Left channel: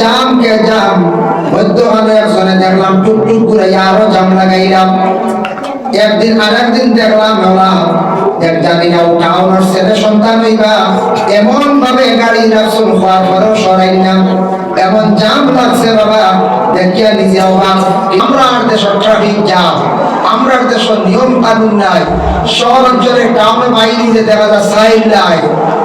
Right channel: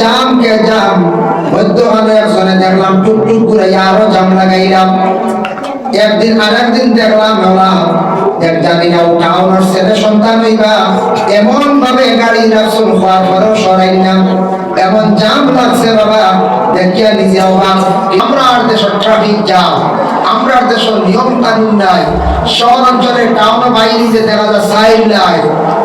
জাম কে জাম, মধ্যখানে একজনে দেখলাম টুকটুক করে আরো জাম লাগাইলাম। একদিন আরেকদিন দেখলাম এক জানি না টাউনের ছেলে সন্তান হইবা এমন ভাবে গাড়ি রাখছুন হওয়ার পরেও সরাই না, এমন জাম লাগছে বাবা দেখিয়া নিজে অবাক। আমরা দেশের ট্রাফিক জাম, আমরা দেশের নিয়ম কানুন নাই, শহর অঞ্চলে টাউনে বাইরে যে দেখা যায় সাইড নাই,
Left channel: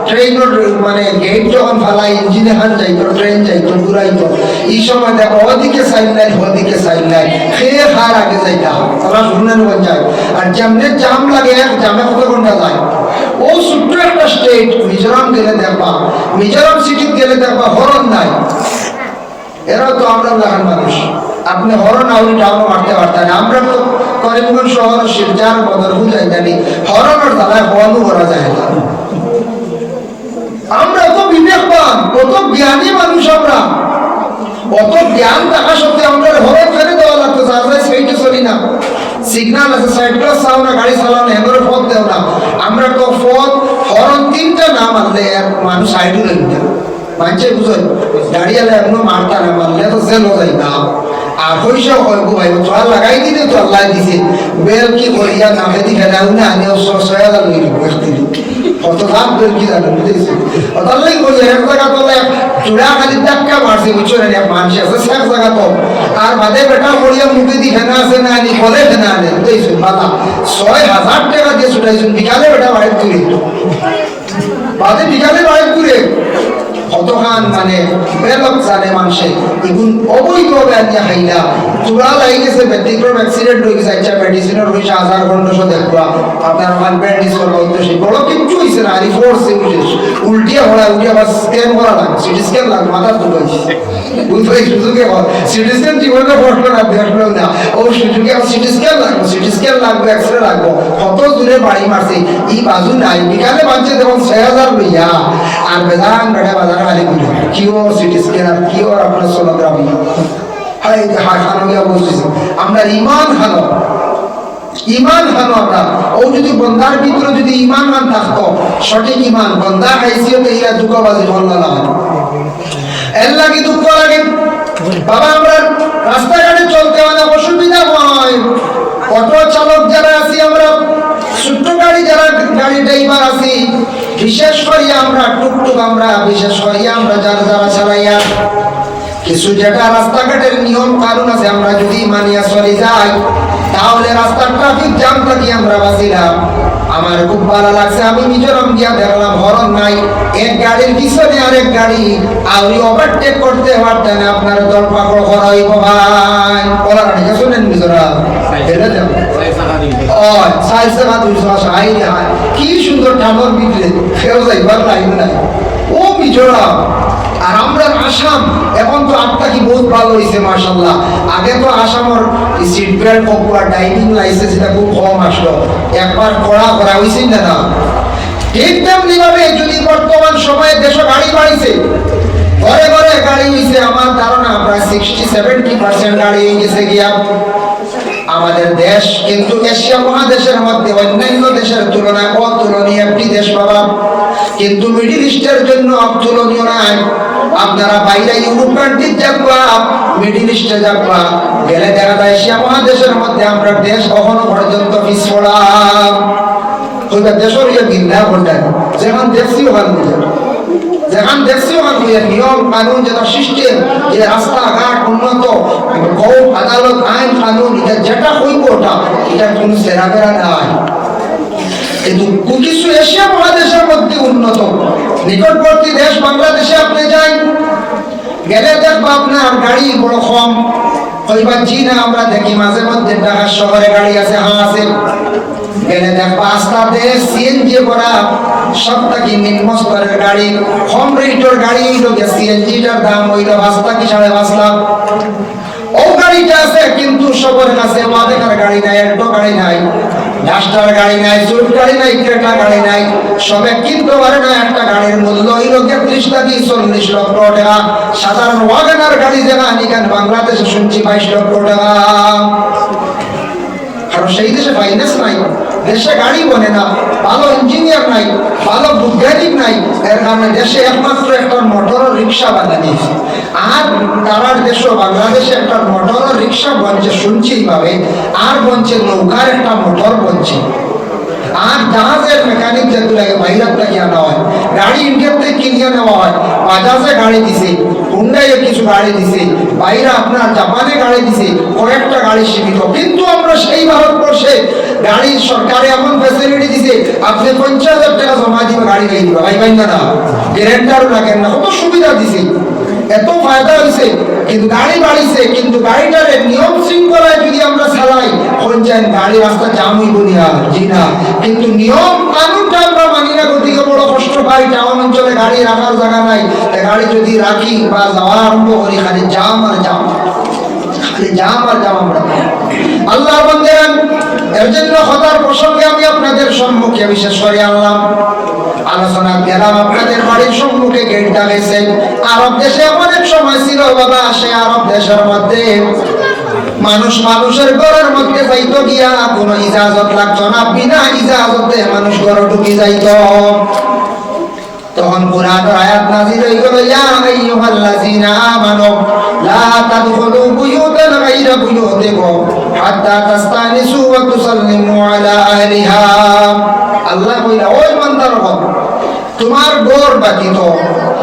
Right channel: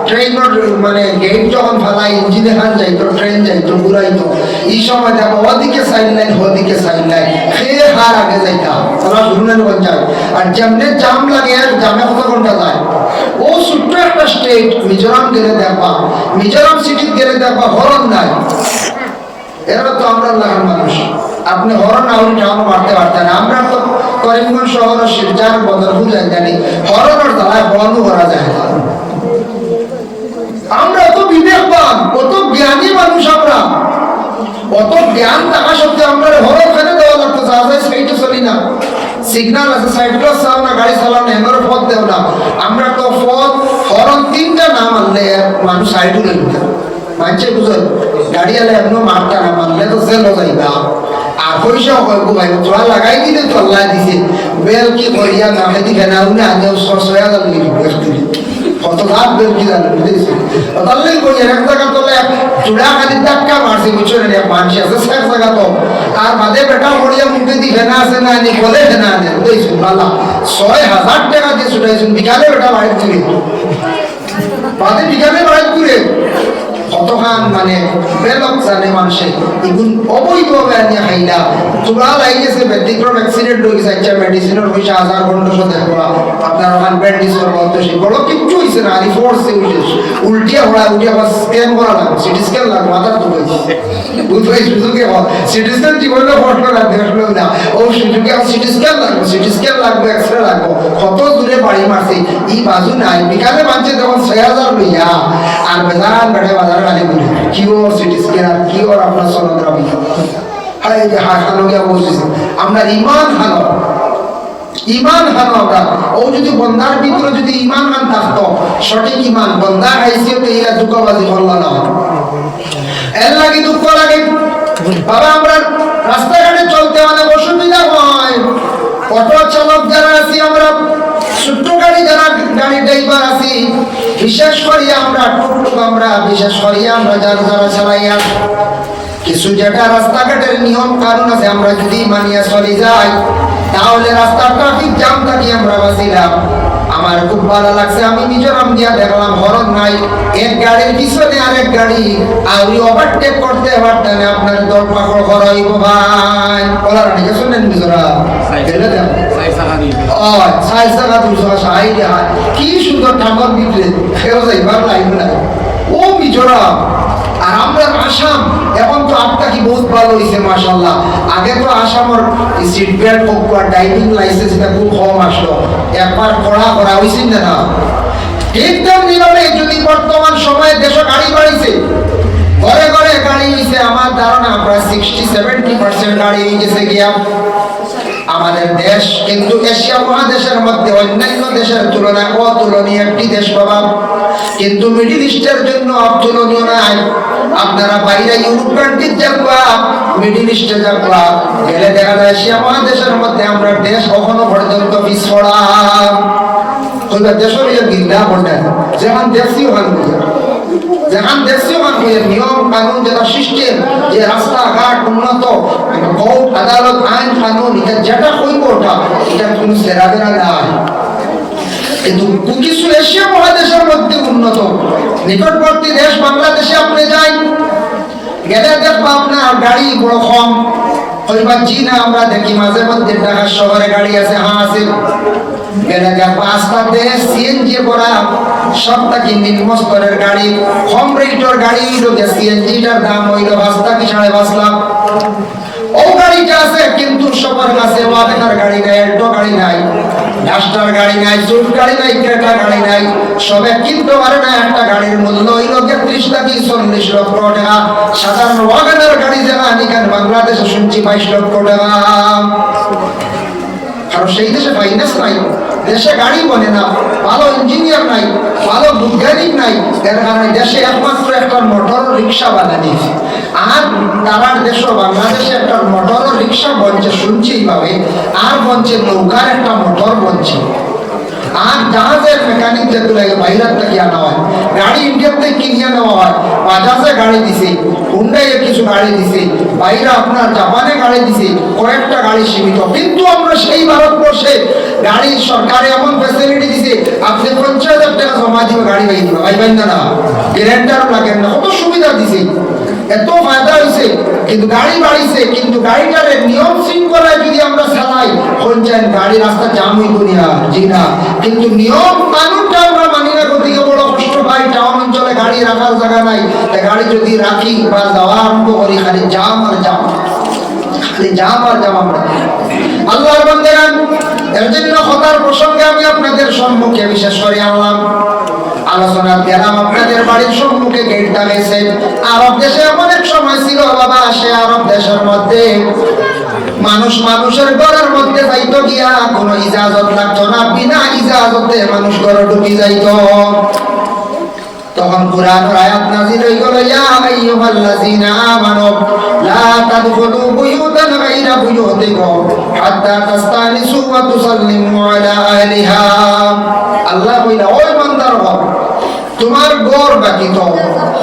ট্রেনের মানে গেট যখন ফেলাই ইঞ্জিন এখান যাইতো, ট্রেন যাইতো, ঘুরাইতো, এই সময় দেখো ওদিকে সাইড নাই ওদিকে সাইড নাই, খেয়ে খার আগে যাইতা তারা শুনেন যায়। আর যেমনি জাম লাগে এক জামে কত ঘন্টা যায়। ও ছোট্ট একটা স্টেট মিজোরাম গেলে দেখবা, মিজোরাম সিটি গেলে দেখবা হরন নাই। এরা তো আমরা লাগান মানুষ, আপনি হরন আউরি টাউন মারতে পারতেন। আমরা তো করিমগঞ্জ শহরের শিবজার বদল বুঝাই জানি হরনের দ্বারা বন্ধ করা যায় না। আমরা অত বিবেকবান, কত জ্ঞানী মানুষ, আমরা অত জ্ঞান থাকা সত্ত্বেও আমরা হরন ফেলে দেওয়া লাগতো, যা যায় সেইটা চলি না। সিগন্যাল আছে, সাইড প্লাস চাও না, গাড়ি চালাও না, এগুলো পথ দেও না। আমরা তো পথ হরন তিনটা না মানলে মানুষ সাইডও নেবে মানছে, বুঝল গাড়ি আলে এমন মারটা না মানলে তো জেলও যাইবা। আর পয়সা হয় গো ভাই তোরা লাগাই দিলে তো আল্লাহ দিছে, বেল কি করিয়া নামে দিকে নাও না, আমিও 6,000 লই দিব একদিন কত লাভ বেল কি জানো বুঝেছি। তাহলে করি এক জায়গা তোলে চূড়া খালি ধাক্কা মারছে বুঝছো না, মানুষ আছে এক জায়গা তো আর বাদে বেটা করিয়া মুখে দি ফেনা আছে না আনি বলে ফেনা আনে বুঝেছি। বালা 6,000 টাকা দিয়ে ছুটাইছুন, বিকালে বেটা বাইর করে বাদে বিকালে বাইর করে কতখান মানে বেলক জানে মানুষে এগুন অবৈধভাবে আনিয়া খাইলা। তোমরা লাইগেছে ব্যতিক্রম অ্যাক্সিডেন্ট হয়ে গেছে, আচ্ছা মেডিসিনের পয়সা 1000 দেখবা আপনার ওখান ব্যান্ডেজ করবো অন্তশী বড় কিচ্ছু হয়েছে না, আরি ফোর্সে উল্টিয়া হওয়া উল্টিয়া আবার স্ক্যান করা লাগবে, সিটি স্ক্যান লাগবে, মাথার দুটো বুঝতে সুযোগে সিটি স্ক্যান জীবনে ঘটবে না, দেখলো না ও সুযোগে সিটি স্ক্যান লাগবে, সিটি স্ক্যান লাগবে, এক্সরে লাগবে, কত দূরে বাড়ি মারছে এই বাজু নাই। বিকালে মানছে তখন 6,000 লইয়া আর বেদান বেড়ে বাজার খালি বলি কি ও সিটি স্ক্যান আর কি ওর আপনার সোনোগ্রাফি খানো গিয়া বলতেছে। আমরা ইমান হানো, ইমান হানো আমরা। ও যদি বন্দার ভিতরে যদি ইমান মান থাকতো, সঠিক ইমান বন্দা হাইসিয়তে ইয়া দুঃখবাজি বললা না এর লাগে দুঃখ লাগে বাবা। আমরা রাস্তাঘাটে চলতে অনেক অসুবিধা হয়, অটো চালক যারা আছি, আমরা ছোট্ট গাড়ি যারা গাড়ি ড্রাইভার আছি, বিশেষ করে আমরা টুকটুক, আমরা বিশেষ করে আমরা যারা যারা চালাইয়া কিছু যেটা রাস্তাঘাটের নিয়ম কারণ আছে আমরা যদি মানিয়া চলে যাই তাহলে রাস্তার ট্রাফিক জ্যাম থাকি আমরা বাঁচিলাম। আমার খুব ভালো লাগছে, আমি মিজোরাম গিয়া দেখলাম হরন নাই, এক গাড়ির পিছনে আরেক গাড়ি আউরি ওভারটেক করতে পারতেন আপনার দর পাকড় করাইব ভাই ওরা গাড়িটা শুনেন মিজোরাম কি সুন্দর টামার ভিতরে ফেরো যাইবার লাইন নাই ও মিজোরাম। আর আমরা আসাম এখন তো আপটা কি বহুত ভালো হয়েছে মাশাআল্লাহ। আগে তো আসামের সিট বেল্ট হোক বা ড্রাইভিং লাইসেন্স এটা খুব কম আসলো, একবার করা হয়েছে না। ঠিক তেমনি ভাবে যদি বর্তমান সময়ে দেশে গাড়ি বাড়িছে, ঘরে ঘরে গাড়ি হয়েছে, আমার ধারণা প্রায় 60-70% গাড়ি হয়ে গেছে গিয়া আমাদের দেশ। কিন্তু এশিয়া মহাদেশের মধ্যে অন্যান্য দেশের তুলনায় অতুলনীয় একটি দেশ বাবা, কিন্তু মিডিল ইস্টের জন্য অতুলনীয় নাই। আপনারা বাইরে ইউরোপ কান্ট্রিজ যাবা, মিডিল ইস্টে যাবা, গেলে দেখা যায় এশিয়া মহাদেশের মধ্যে আমরা দেশ কখনো পর্যন্ত পিছপড়া ওইবার দেশের গিন্দা বলতেন যেমন দেখছি ওখানে বুঝে, যেখান দেখছি ওখান নিয়ম কানুন যেটা সিস্টেম, যে রাস্তাঘাট উন্নত, আদালত আইন কানুন এটা যেটা হইব ওটা এটা কোনো সেরাবেরা নাই। কিন্তু কিছু এশিয়া মহাদেশের মধ্যে উন্নত নিকটবর্তী দেশ বাংলাদেশে আপনি যাই গেলে দেখবা আপনার গাড়ি বড় কম হইবার জি না। আমরা দেখি মাঝে মধ্যে ঢাকা শহরে গাড়ি আছে, হ্যাঁ আছে, গেলে দেখবা আস্তাতে সিএনজি করা সবটাকি নিম্ন স্তরের গাড়ি, কম রেটের গাড়ি সিএনজিটার দাম হইল 5 লাখ। ও গাড়িটা আছে কিন্তু সবার কাছে মাদেখার গাড়ি নাই, অ্যাল্টো গাড়ি নাই, ডাস্টার গাড়ি নাই, সুইফট গাড়ি নাই, ক্রেটা গাড়ি নাই, সবে কিনতে পারে না। একটা গাড়ির মূল্য হইল 30 থেকে 40 লক্ষ টাকা। সাধারণ ওয়াগনার গাড়ি যেমন এখানে বাংলাদেশে শুনছি 22 লক্ষ টাকা। কারণ সেই দেশে ফাইন্যান্স নাই, দেশে গাড়ি বনে না, ভালো ইঞ্জিনিয়ার নাই, ভালো বৈজ্ঞানিক ট্রাফিক নাই, এর কারণে দেশে একমাত্র একটা মোটর রিক্সা বানানি, আর তারার দেশ বাংলাদেশে একটা মোটর রিক্সা বনছে শুনছি এইভাবে, আর বনছে নৌকার একটা মোটর বনছে, আর জাহাজের মেকানিক যেগুলো বাইরের থেকে আনা হয়, গাড়ি ইন্ডিয়ার থেকে কিনে নেওয়া হয়, বাজাজে গাড়ি দিছে, হুন্ডাইয়ে কিছু গাড়ি দিছে, বাইরে আপনার জাপানে গাড়ি দিছে, কয়েকটা গাড়ি সীমিত। কিন্তু আমরা সেই ভারতবর্ষে গাড়ির সরকারে এমন ফ্যাসিলিটি দিছে, আপনি 50,000 টাকা জমা দিবে গাড়ি গাড়ি দিবে, ভাই ভাই না গ্যারেন্টারও লাগেন না, কত সুবিধা দিছে, এত ফায়দা হয়েছে। কিন্তু গাড়ি বাড়িছে, কিন্তু গাড়িটার নিয়ম শৃঙ্খলায় যদি আমরা চালাই হচ্ছেন গাড়ি রাস্তা জাম হইব না, জি না। কিন্তু নিয়ম কানুনটা আমরা মানি না, গতিকে বড় কষ্ট পাই। টাউন অঞ্চলে গাড়ি রাখার জায়গা নাই, গাড়ি যদি রাখি বা যাওয়া আরম্ভ করি খালি জাম আর জাম, খালি জাম আর জাম। আমরা আল্লাহ বান্দাগণ, এর জন্য খতার প্রসঙ্গে আমি আপনাদের সম্মুখে বিশেষ করে আনলাম, আলোচনা গেলাম আপনাদের বাড়ির সম্মুখে গেট দাঁড়িয়েছে। আরব দেশে অনেক সময় ছিল বাবা, সে আরব দেশের মধ্যে মানুষ মানুষের ঘরের মধ্যে যাইতো গিয়া কোনো ইজাজত লাগতো না, বিনা ইজাজতে মানুষ ঘরে ঢুকে যাইত। তখন কুরআনের আয়াত নাযিল হয়ে গেল, ইয়া আইয়ুহাল্লাযীনা আমানু লা তাদখুলু বুয়ুতান গায়রা বুয়ুতিকুম হাত্তা তাস্তানিসু ওয়া তুসাল্লিমু আলা আহলিহা। আল্লাহ কইলা, ওই বান্দারগণ, তোমার ঘর ব্যতীত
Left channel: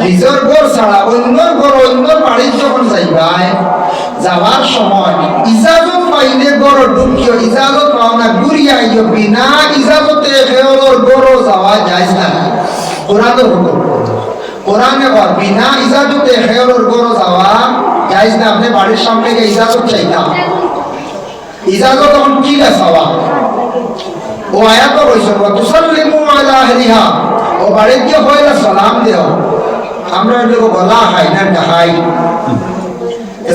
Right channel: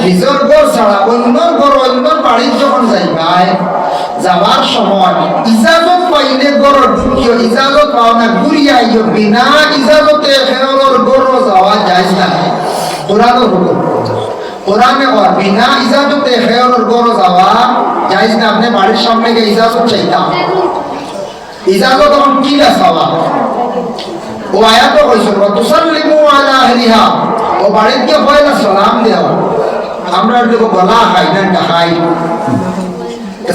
নিজের ঘর ছাড়া অন্য ঘর, অন্য বাড়ি যখন যাইবাই, যাওয়ার সময় ইজাজত পাইলে ঘর ঢুকিও, ইজাজত পাও না ঘুরিয়া আইও, বিনা ইজাজতে খেয়লর ঘর যাওয়া যায় না। কোরআনের হুকুম, কোরআনে বল বিনা ইজাজতে খেয়লর ঘর যাওয়া যায় না। আপনি বাড়ির সামনে গিয়ে ইজাজত চাইতাম, ইজাজত তখন কি চাওয়া? ও আয়াত কইছে তুসাল্লিমু আলা আহলিহা, ও বাড়িতে গিয়ে পয়লা সালাম দেও। আমরা লোক গলা খাই না, খাই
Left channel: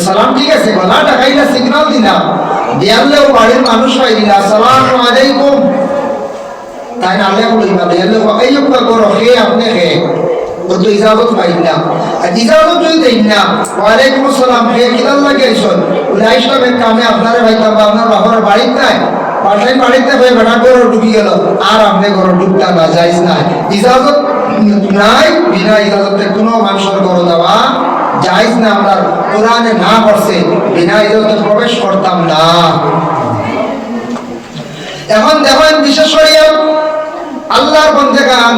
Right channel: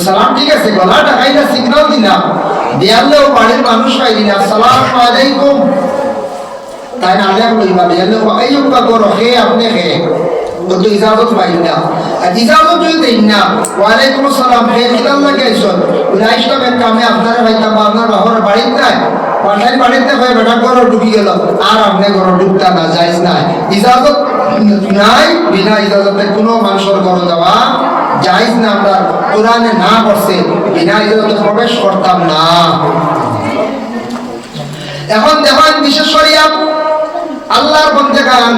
সালাম, ঠিক আছে, গলাটা খাইলে সিগন্যাল দিলাম, দেয়ালে ও বাড়ির মানুষ খাই দিলা আসসালামু আলাইকুম, তাই না? আলেম কইবা দেয়ালে এই উপাা করো, হে আপনি হে, ও তো ইজাজত পাই না। আর ইজাজত যদি দেই না, ওয়ালাইকুম আসসালাম, হে কিদার লাগে আইছন, বলে আইসলাম এক কামে, আপনারা ভাইতাম বা আপনার বাবার বাড়িতে নাই, পাঠাই বাড়িতে ভাই বেটা ঘরে ঢুকি গেল, আর আপনি ঘরে ঢুকতে না যাইজ নাই, ইজাজত নাই। বিনা ইজাজতে কোনো মানুষের ঘরে যাওয়া জায়েজ না। আমরা কোরআনে না করছে বিনা ইজাজতে প্রবেশ করতাম না। এখন দেখেন, বিশেষ করে আল্লাহর বান্দাগণ,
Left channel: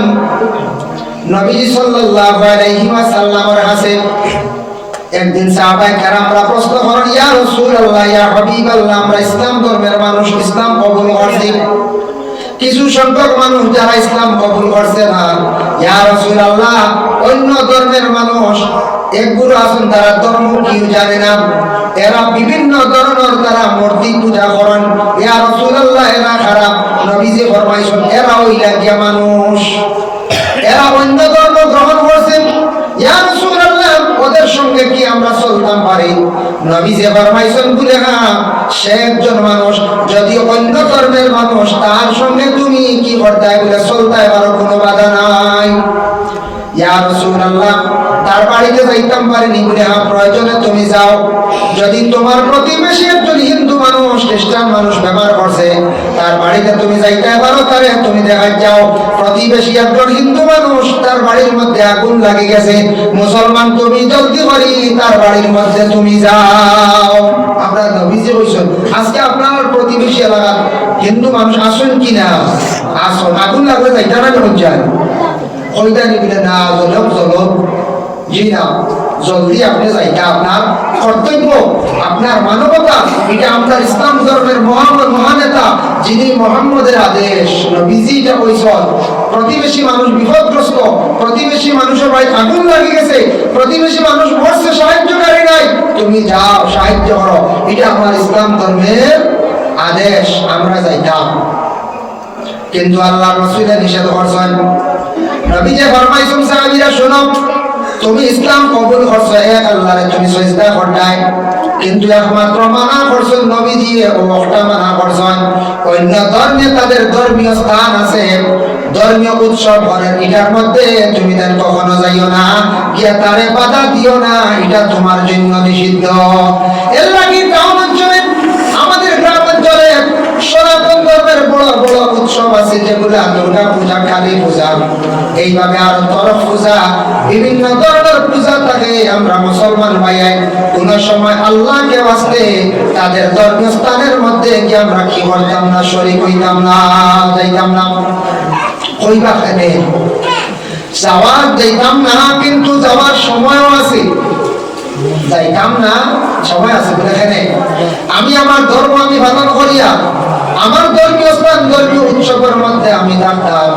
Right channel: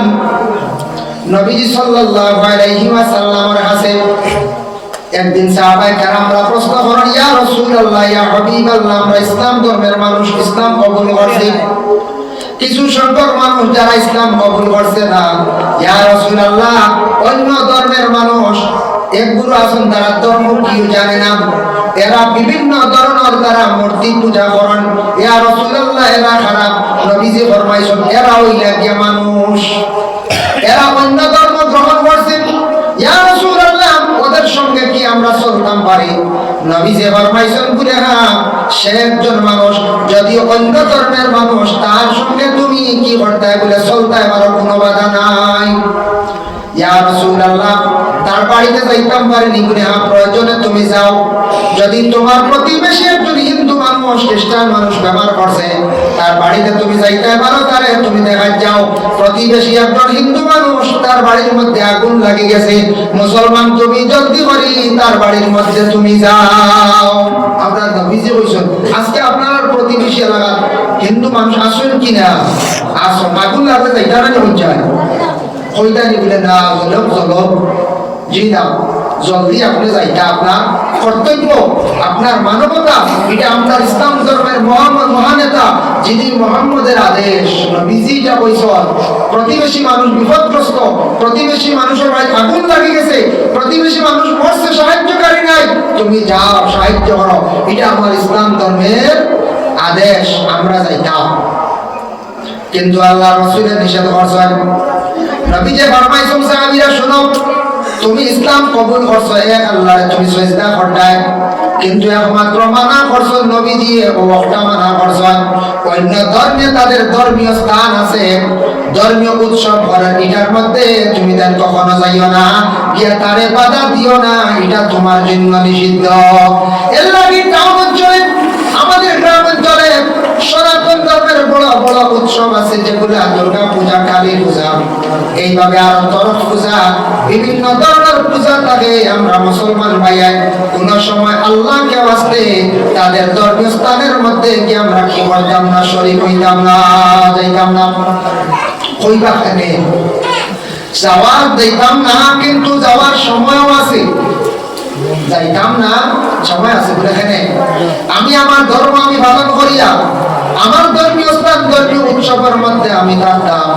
নবীজি সাল্লাল্লাহু আলাইহি ওয়াসাল্লামের কাছে একদিন সাহাবায়ে কেরামরা প্রশ্ন করেন, ইয়া রাসূলুল্লাহ, ইয়া হাবিবাল্লাহ, আমরা ইসলাম ধর্মের মানুষ, ইসলাম কবুল করছি, কিছু সংখ্যক মানুষ যারা ইসলাম কবুল করছে না, ইয়া রাসূলুল্লাহ, অন্য ধর্মের মানুষ একগুলো আছেন, তারা ধর্ম কি জানে না, এরা বিভিন্ন ধরনের তারা মূর্তি পূজা করেন, ইয়া রাসূলুল্লাহ, এরা খারাপ। নবীজি ফরমাইছেন, এরা হইলা গিয়া মানুষ, এরা অন্য ধর্ম গ্রহণ করছেন, ইয়া রাসূলুল্লাহ, ওদের সঙ্গে কি আমরা চলতাম পারি? নবীজি ফরমাইছেন, বলে হ্যাঁ, সে একজন মানুষ, যদি অন্য ধর্মের মানুষ, তার সঙ্গে তুমি কি করতে বলে চলতে পারো, কোনো বাধা নাই। ইয়া রাসূলুল্লাহ, তার বাড়িতে যাইতাম পারিনি, বলে হ্যাঁ, প্রয়োজনে তুমি যাও। যদি তোমার প্রতিবেশী একজন হিন্দু মানুষ, খ্রিস্টান মানুষ ব্যবহার করছে, তার বাড়িতে তুমি যাইতে পারো, তারে তুমি দেখা যাও। প্রতিবেশী একজন হিন্দু মানুষ, তার বাড়ির মধ্যে আগুন লাগে গেছে, মুসলমান, তুমি জলদি করি তার বাড়ির মধ্যে তুমি যাও। আপনার নবীজি বলছেন, আজকে আপনার প্রতিবেশী এলাকার হিন্দু মানুষ আসুন কিনা, আসুন, আগুন লাগে যাইতে না বলছেন, ওইটা নিবিলে না, জলব জলব, জি না, জলদি আপনি যাইটা আপনার কর্তব্য, আপনার মানবতা। এটা আপনার ইসলাম ধর্মের মহানেতা, যিনি মুহাম্মদের আদেশ, নবীজিটা কইছেন, প্রতিবেশী মানুষ বিপদগ্রস্ত, প্রতিবেশী মানুষের বাড়িতে আগুন লাগে গেছে, প্রতিবেশী মানুষ মরছে, সাহায্যকারী নাই, তুমি যাও সাহায্য করো, এটা আপনার ইসলাম ধর্মের আদেশ, আমরা যাইতাম। কিন্তু আল্লাহ রাসূল নিষেধ করছেন। নবীজি ফরমাইছেন, সাহাবীরা শোনো, তুমি ইসলাম কবুল করছো, এক আল্লাহর তুমি সিজদা করলাই, কিন্তু একমাত্র মানা করছো নবীজি, ওটা মানা করছেন, অন্য ধর্মে তাদের ধর্মীয় স্থান আছে, ধর্মীয় উৎসব করে, এটার মধ্যে তুমি তার কখনো যাইও না, গিয়া তারে বাধা দিও না, এটা তোমার জন্য নিষিদ্ধ। এর লাগি টাউন অঞ্চলে, আমাদের গ্রাম অঞ্চলে সনাতন ধর্মের বড় বড় উৎসব উৎসব আছে যেগুলো দুর্গা পূজা, কালী পূজা, এইভাবে আর তরফ পূজা, বিভিন্ন ধরনের পূজা থাকে। আমরা মুসলমান ভাইয়াই কোন সময় আল্লাহকে বাঁচতে তাদের ধর্মীয় স্থানের মধ্যে কি আমরা কি করতাম না, শরীক হইতাম না, যাইতাম না। কইবা কেনে যাওয়ার দেখতাম না, কিন্তু যাওয়ার সময়ও আছে, যাইতাম না, সময় আছে। দেখেন আমি আমার ধর্ম আমি পালন করিয়া আমার ধর্মীয় স্থান ধর্মীয় উৎসবের মধ্যে আমি থাকতাম,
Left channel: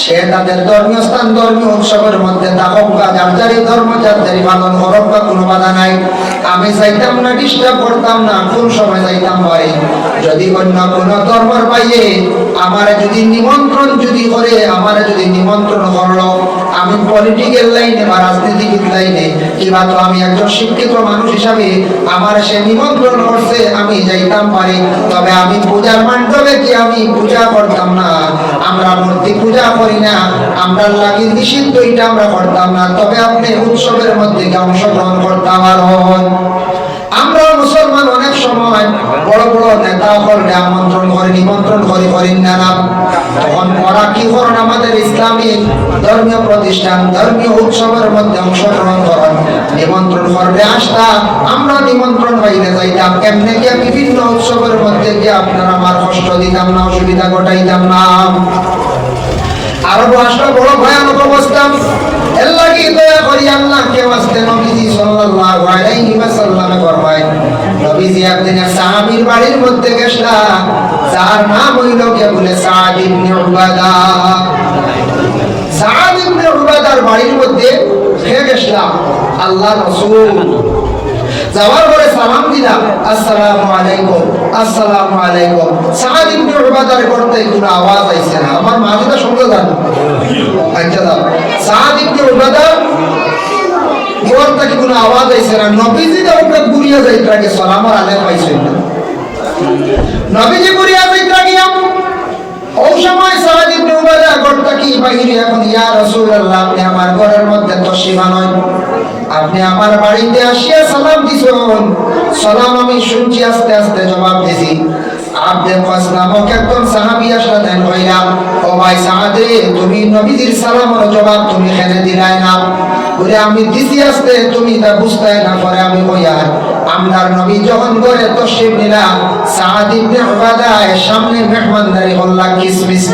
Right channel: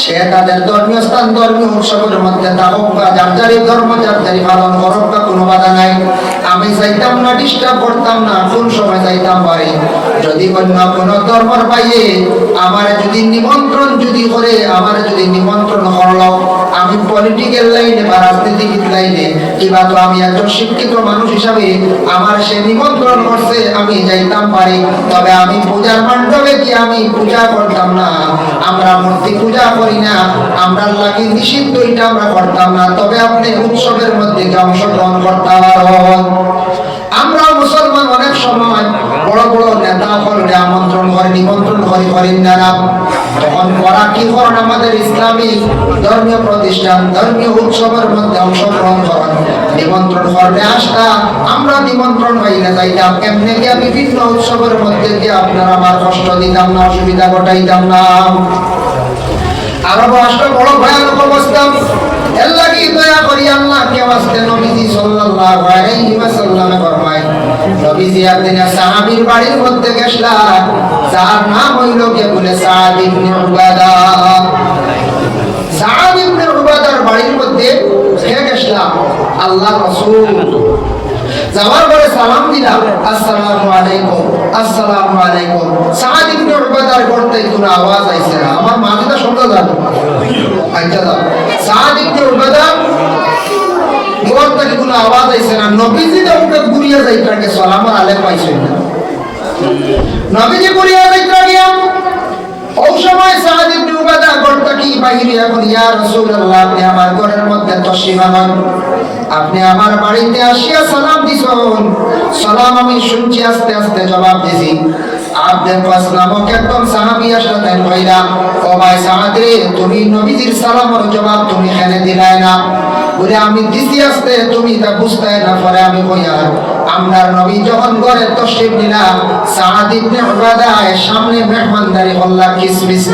সে তাদের ধর্মীয় স্থান ধর্মীয় উৎসবের মধ্যে থাকুক বা যার যারি ধর্ম যার যারি পালন করুক বা কোনো বাধা নাই। আমি যাইতাম না, ডিস্টার্ব করতাম না। কোন সময় যাইতাম বাড়ি যদি অন্য কোনো ধর্মের বাইরে আমার যদি নিমন্ত্রণ যদি করে, আমার যদি নিমন্ত্রণ করলো, আমি পলিটিক্যাল লাইনে বা রাজনীতিবিদ লাইনে কিংবা তো আমি একজন শিক্ষিত মানুষ হিসাবে আমার সে নিমন্ত্রণ করছে, আমি যাইতাম পারি। তবে আমি পূজার মণ্ডপে কি আমি পূজা করতাম না, আমরা মূর্তি পূজা করি না, আমরা লাগি নিষিদ্ধ এটা আমরা করতাম না। তবে আপনি উৎসবের মধ্যে অংশগ্রহণ করতাম। আর আমরা মুসলমান অনেক সময় বড় বড় নেতা হলকে আমন্ত্রণ করে নিমন্ত্রণ করেন না, তখন ওরা কি করেন আমাদের ইসলামিক ধর্মীয় প্রতিষ্ঠান ধর্মীয় উৎসবের মধ্যে অংশগ্রহণ করেন, নিমন্ত্রণ করবে আসতা, আমরা নিমন্ত্রণ পাইলে যাইতাম। এমনি কি বিভিন্ন উৎসবের মধ্যে যে আপনারা আমার কষ্ট দিতাম না, অসুবিধা ঘটাইতাম না। আরব রাষ্ট্র বড় ভয়ানক অবস্থা। এর লাগি দয়া করি আল্লাহ কে ওয়াস্তে নবীজি সাল্লাল্লাহু আলাইহি ওয়াসাল্লাম ফরমায়, নবীজি একদিন সাহাবীর বাড়ির মধ্যে গেছলা, যার নাম হইল কে বলে সাদ ইবনে উবাদা। সাদ ইবনে উবাদার বাড়ির মধ্যে গেছলা আল্লাহর রাসূল। যাওয়ার পরে সালাম দিলাম, আসসালামু আলাইকুম, আসসালামু আলাইকুম। সাদ ইবনে উবাদার করতে কোনো আওয়াজ আইছে না। আমার মা যেটা শুনতে যাবে আইতা দাও, সাদ ইবনে উবাদা করতে কোনো আওয়াজ আইছে না। নবীজি তো ওকে ঘুরিয়ে যাইতা কে সালাম আলাইকুম পাইছে না। নবীজি ঘুরিয়ে যাইতা গিয়া ওই সময় সাদ ইবনে উবাদা করতে কি বাইরে এখন, ইয়া রাসূলুল্লাহ আপনি আমার ঘরের মধ্যে তো সীমা নয়, আপনি আমার বাড়িতে আসিয়া সালাম দিছেন, সালাম আমি শুনছি, আস্তে আস্তে জবাব দিছি। আব্দুল কাস নামক একজন সাহাবী আসলে তাই কইরা, ও ভাই সাদ রে, তুমি নবীজির সালামের জবাব তুমি এখানে দিলাই না। বলে আমি দিছি আসতে, তুমি তা বুঝতে না পারে। আমি কইয়া আমরার নবী যখন ঘরে তশরিফ নিলা, সাদ ইবনে উবাদা সামনে মেহমানদারি হল্লা কিসমিস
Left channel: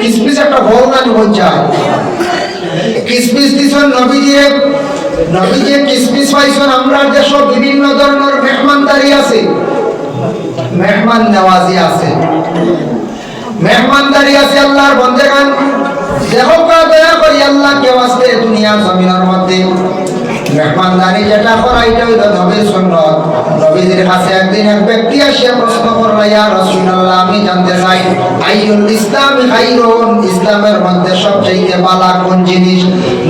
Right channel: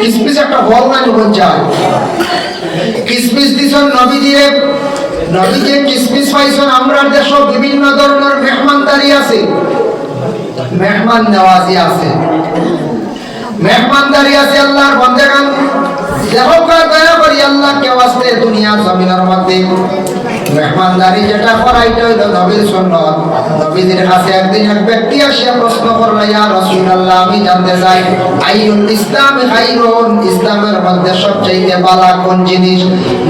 কিসমিস একটা বল না বলছা, কিসমিস দিছেন নবীজিরে। নবীজি কিসমিস পাইছেন। আমরা দেশ বিভিন্ন ধরনের মেহমানদারি আছে, মেহমান নওয়াজি আছে, মেহমানদারি আছে। আল্লাহর বান্দাগণ যেহকা দয়া করি আল্লাহ কে ওয়াস্তে দুনিয়া জমিনের মধ্যে মেহমানদারি যেটা করা এটা হইল নবীর সুন্নাত। নবীজির কাছে একদিন এক ব্যক্তি আসিয়া প্রশ্ন করল, ইয়া রাসূলুল্লাহ আমি জানতে চাই আইয়ুল ইসলামি খায়রুন, ইসলামের মধ্যে সবচেয়ে ভালো কোন জিনিস?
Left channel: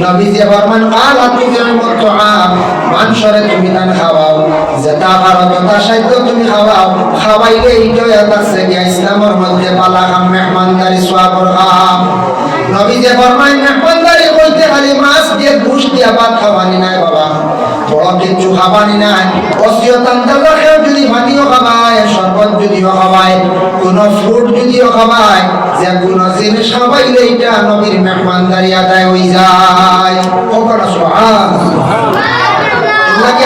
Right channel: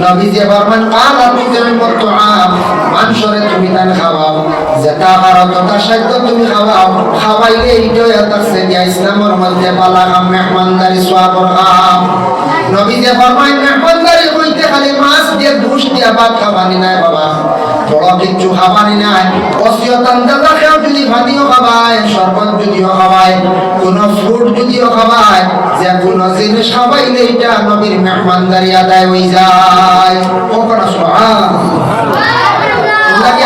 নবীজি ফরমান, কাল আতুল মুতআম, মাংসরে তুমি দান খাওয়াও, যেটা ভালো কথা সাধ্য তুমি খাওয়াও, খাওয়াইলে এইটাই আছে যে ইসলামের মধ্যে ভালো মেহমানদারি সওয়াবের কাম। নবীজি ফরমান, মেহমানদারি কইতে খালি মাছ দিয়ে ঘুষ দিয়া ভাত খাওয়ানি নাই বাবা, বড় কিছু খাবানি নাই। অসিয়তান দাদা কেউ যদি ভাতিও খাবায়, শরবত যদিও খাবায়, কোন ফ্রুট যদিও খাবায়, যে কোন জিনিস খাবাইলে এটা নবীর মেহমানদারি আদায় হয়ে যায়। ওখানে সুবহানাল্লাহ। লাগে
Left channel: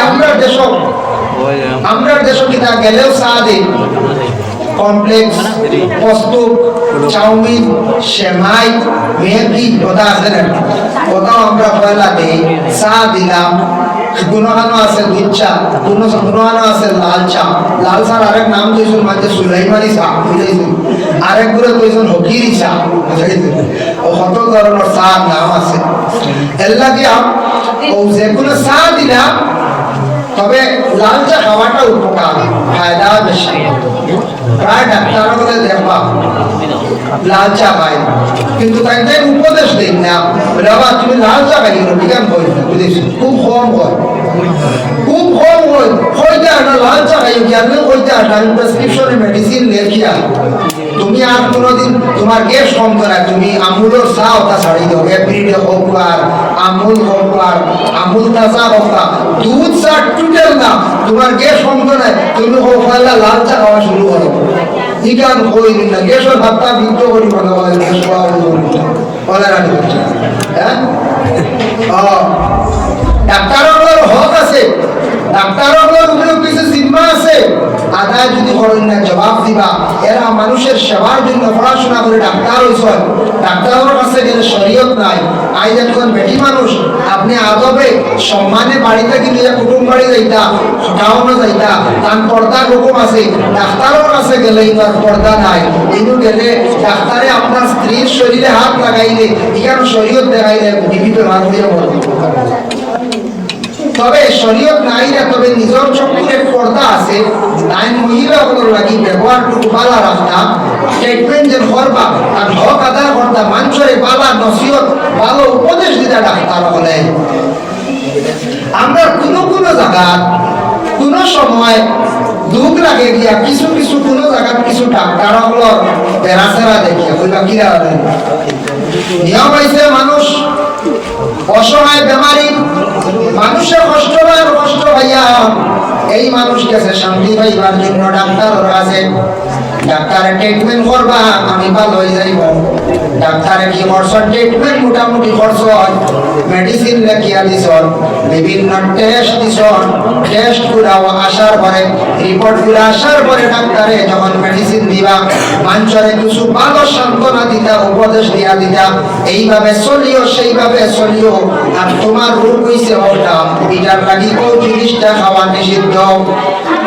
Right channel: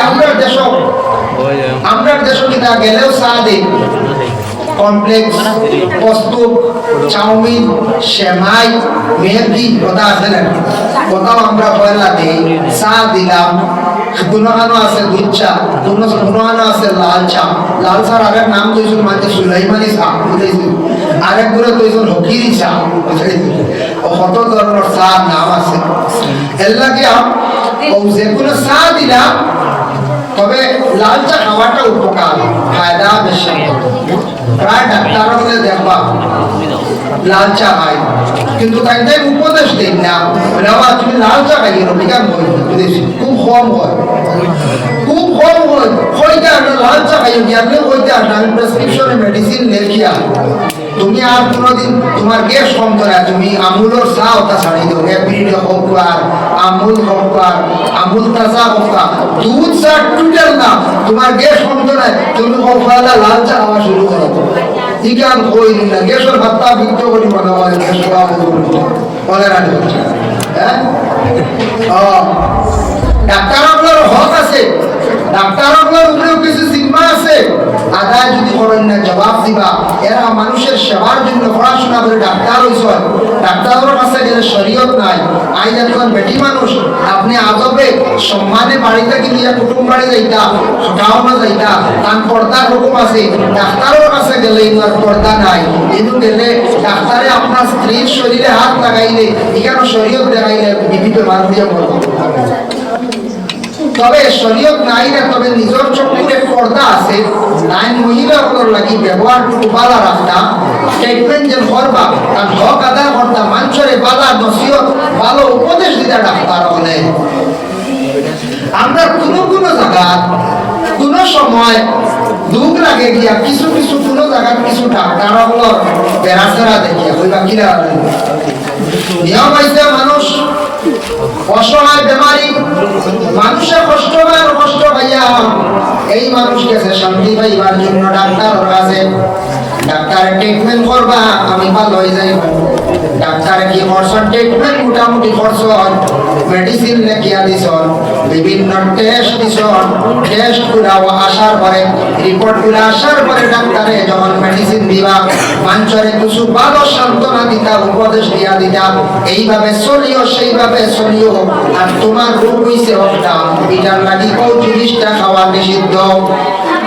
আমরা দেশ কিনা গেলেও সাদে কমপ্লেক্স কস্তুপ চাউমিন সেমাই মেহেদি কথা আছে না, কোথাও আমরা পয়লা দেই চা দিলাম, গুণগানো আছে দুধ চা, গুণগানো আছে লাল চা। লাল চার আরেক নাম দিয়েছেন মাঝে সুলাইমানি চা, আরেক গুলো দিয়েছেন হকিরি চা। কত ধরনের চা নাম আছে। এর লাগে ও যে কোনো চা দিলাম, তবে লাল চা খাওয়াটা উপকার, ফায়দা বেশি। প্রায় ডাক্তাররা বলে দেখবা লাল চা খায়, কিন্তু তাই উপদেশ দেন না, বাবা তুমি লাল চা খাই বিজ্ঞান বই বুঝেছি খুব কম হয়, খুব কম হয়। হইতে একটা লাল চা খাই গিয়ে হইতে একটা প্রেসক্রিপশনে মেডিসিন লেখিয়া তুমি আর কোনোদিন তোমার গ্যাস কম করে তুমি আমুলের চা ওটা ছাড়ি দাও এভরিডে হোক আর আমুল হোক আর আমুল তাজা হোক দুধ চা টুটেল না তোমার গ্যাস কম করে তুমি হোক লাল চা খাওয়া শুরু করো ইকান কই না গ্যাসের ভাতটা বিদ্ধ করি কথা বলে গ্যাস খাওয়া বলে রাখি হ্যাঁ ডাক্তারগুলোর হক আছে ডাক্তারগুলোর উপরেও কিছু জিম্মা আছে আদায় যদি করেন না জবাব দিবা এরা মানুষের সেবার জন্য পড়াশোনা করে ডাক্তার হয়েছে ডাক্তারের কাছে গেলে শরীয়ত নাই আজ একজন বেটি মানুষ আপনি আদবে সম্মানে বাড়িতে কিন্তু কুটুম বাড়ি যাইতা গাঁও যাইতা তার পর্দার রকম আছে ডাক্তারের কাছে গেলে আর পর্দা নাই কিন্তু গেলে ডাক্তারে আপনার স্ত্রীর শরীরে হাত লাগাইলে এখানে শরীয়ত দেখাইলে বিবিধ লাভ হয়ে পড়বে তবে শরীয়ত নাই না তবে নিজের চোখে পর্দা আছে তাই মহিলাগুলোর লাগি ব্যবহারটুকু বালা রাখতা ট্রিটমেন্ট যে করবা তার হক আদায় করতা মানুষের বালা নসিহত ভালো উপদেশ দিতা ডাক্তার হলে আমরা কোনো জায়গা কোন সময় দুঃখ লাগে গিয়া কিছু কিছু কোন জায়গা কিছু ডাক্তার হলোর বেড়াচেরা দেখিয়া ওইবা কিরা নিয়ম হয়েছে মানুষ অসহায় বেমারি মানুষের কষ্ট পাইয়া এই মানুষ গেছে শান্তি পাইবার জন্য ডাক্তার আছে ডাক্তারে ট্রিটমেন্ট করবা আমি ভালো হয়ে যাইব ডাক্তারে কি করছ ট্রিটমেন্ট মোটামুটি করছ মেডিসিন লেখিয়া দিছ বিভিন্ন টেস্ট দিছ টেস্ট গুলাও আসার পরে রিপোর্ট গুলা আসার পরে ডাক্তারে যখন মেডিসিন দিবা মানুষের কিছু ভালো সান্ত্বনা দিতা উপদেশ দিয়া দিতা এইভাবে চলিও সেইভাবে চলিও আর তোমার রোগ হইছে ওটা এটার লাগি কোন জিনিসটা খাওয়া নিষিদ্ধ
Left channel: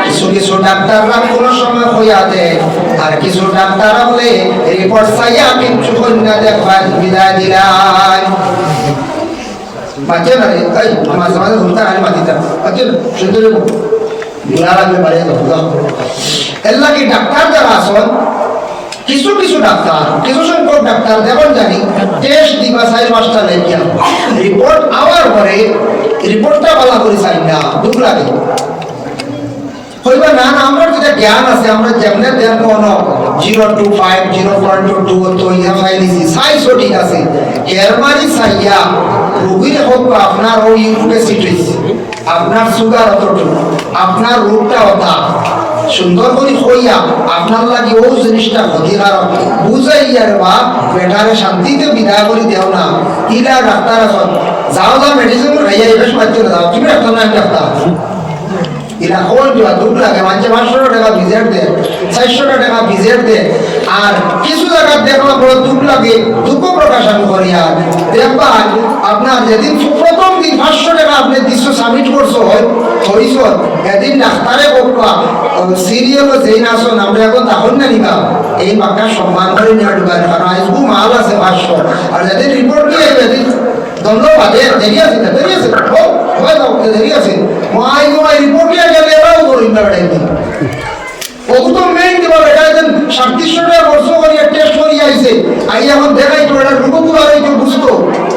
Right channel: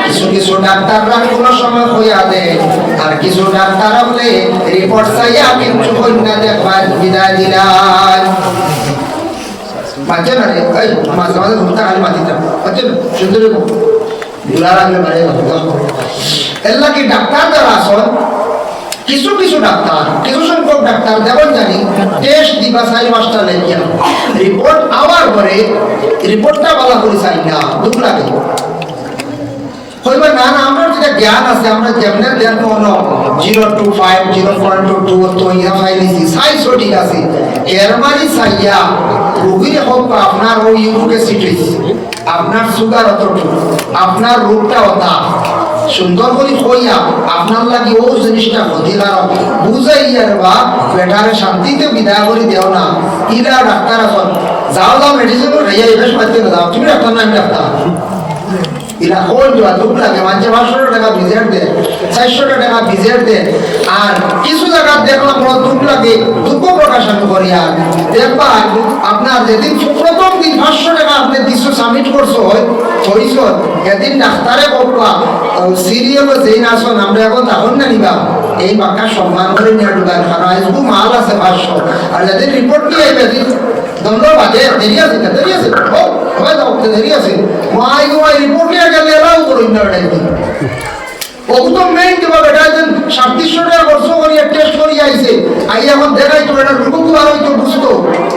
কিছু কিছু ডাক্তাররা কোনো সময় হইয়া দেয় আর কিছু ডাক্তার বলে রিপোর্ট চাইয়া কিন্তু কন্যা দেখবার বিদায় দিলাই বাচ্চা না রে এই মাঝে মাঝে ঘুমটা খালি মাতিতে বাচ্চা শুনতে দেবো বুলা লাগবে বাড়ি এর লাগে ডাক্তার যারা আসন কিছু কিছু ডাক্তার কিছু সংখ্যক ডাক্তার যেমন জানি টেস্ট দিবা 4-5টা লেখিয়া রিপোর্ট আওয়ার পরে রিপোর্টটা বলা করে চাই না দুঃখ লাগে হইবা না না আমার যেটা জ্ঞান আছে আমরা যেমনে দেখো 0 to 5 0 to 2 তো ইয়া ফাইলিছি সাইজ ঠিক আছে এর মানে সাইয়া রোগীর হোক আপনার ওই ইউকেসিটিস আপনার সুগার অতটুকু আপনার রোগটা ওটা সুন্দর করে হইয়া আপনার লাগি ও জিনিসটা ক্ষতিকার বুঝাইয়ার বা বেটারে শান্তিতে বিদায় করে দেও না ইলা ডাক্তার এখন যাও মেডিসিন খাইয়া বেশ মারতে দাও তুমি ডাক্তার না ডাক্তার ইলা কোন দিবা দুঃখ লাগে মাঝে 500 টাকা ভিজিট দে 400 টাকা ভিজিট দে আর কিছু জায়গা দেখলাম বড় দুঃখ লাগে দুঃখ প্রকাশ আমি করি আর দেখবা আপনার যেদিন প্রথম দিন 500 টাকা আপনি দিছো সাবমিট করছো হইছ এদিন ডাক্তারে বলবা সিরিয়ালও যেই নাছো আমরা এখন তখন না নিবা এই বাক্কা সম্মান করে নেওয়ার দরকার কারণ আজকে মাল আছে 500 আর যেদিন রিপোর্ট কি আইবে দিন ধন্যবাদ দেরি আছে ও ভাই দাও দেরি আছে মাই গো আই রিপোর্ট নিয়ে গেলে এরাও করি না টাইম ও তো মেইন দিবা এটা দেন 3700 টাকা খরচ করি টেস্ট করি আইছে আই এখন দেখাই তো এটা রুকু আর তো বুঝতো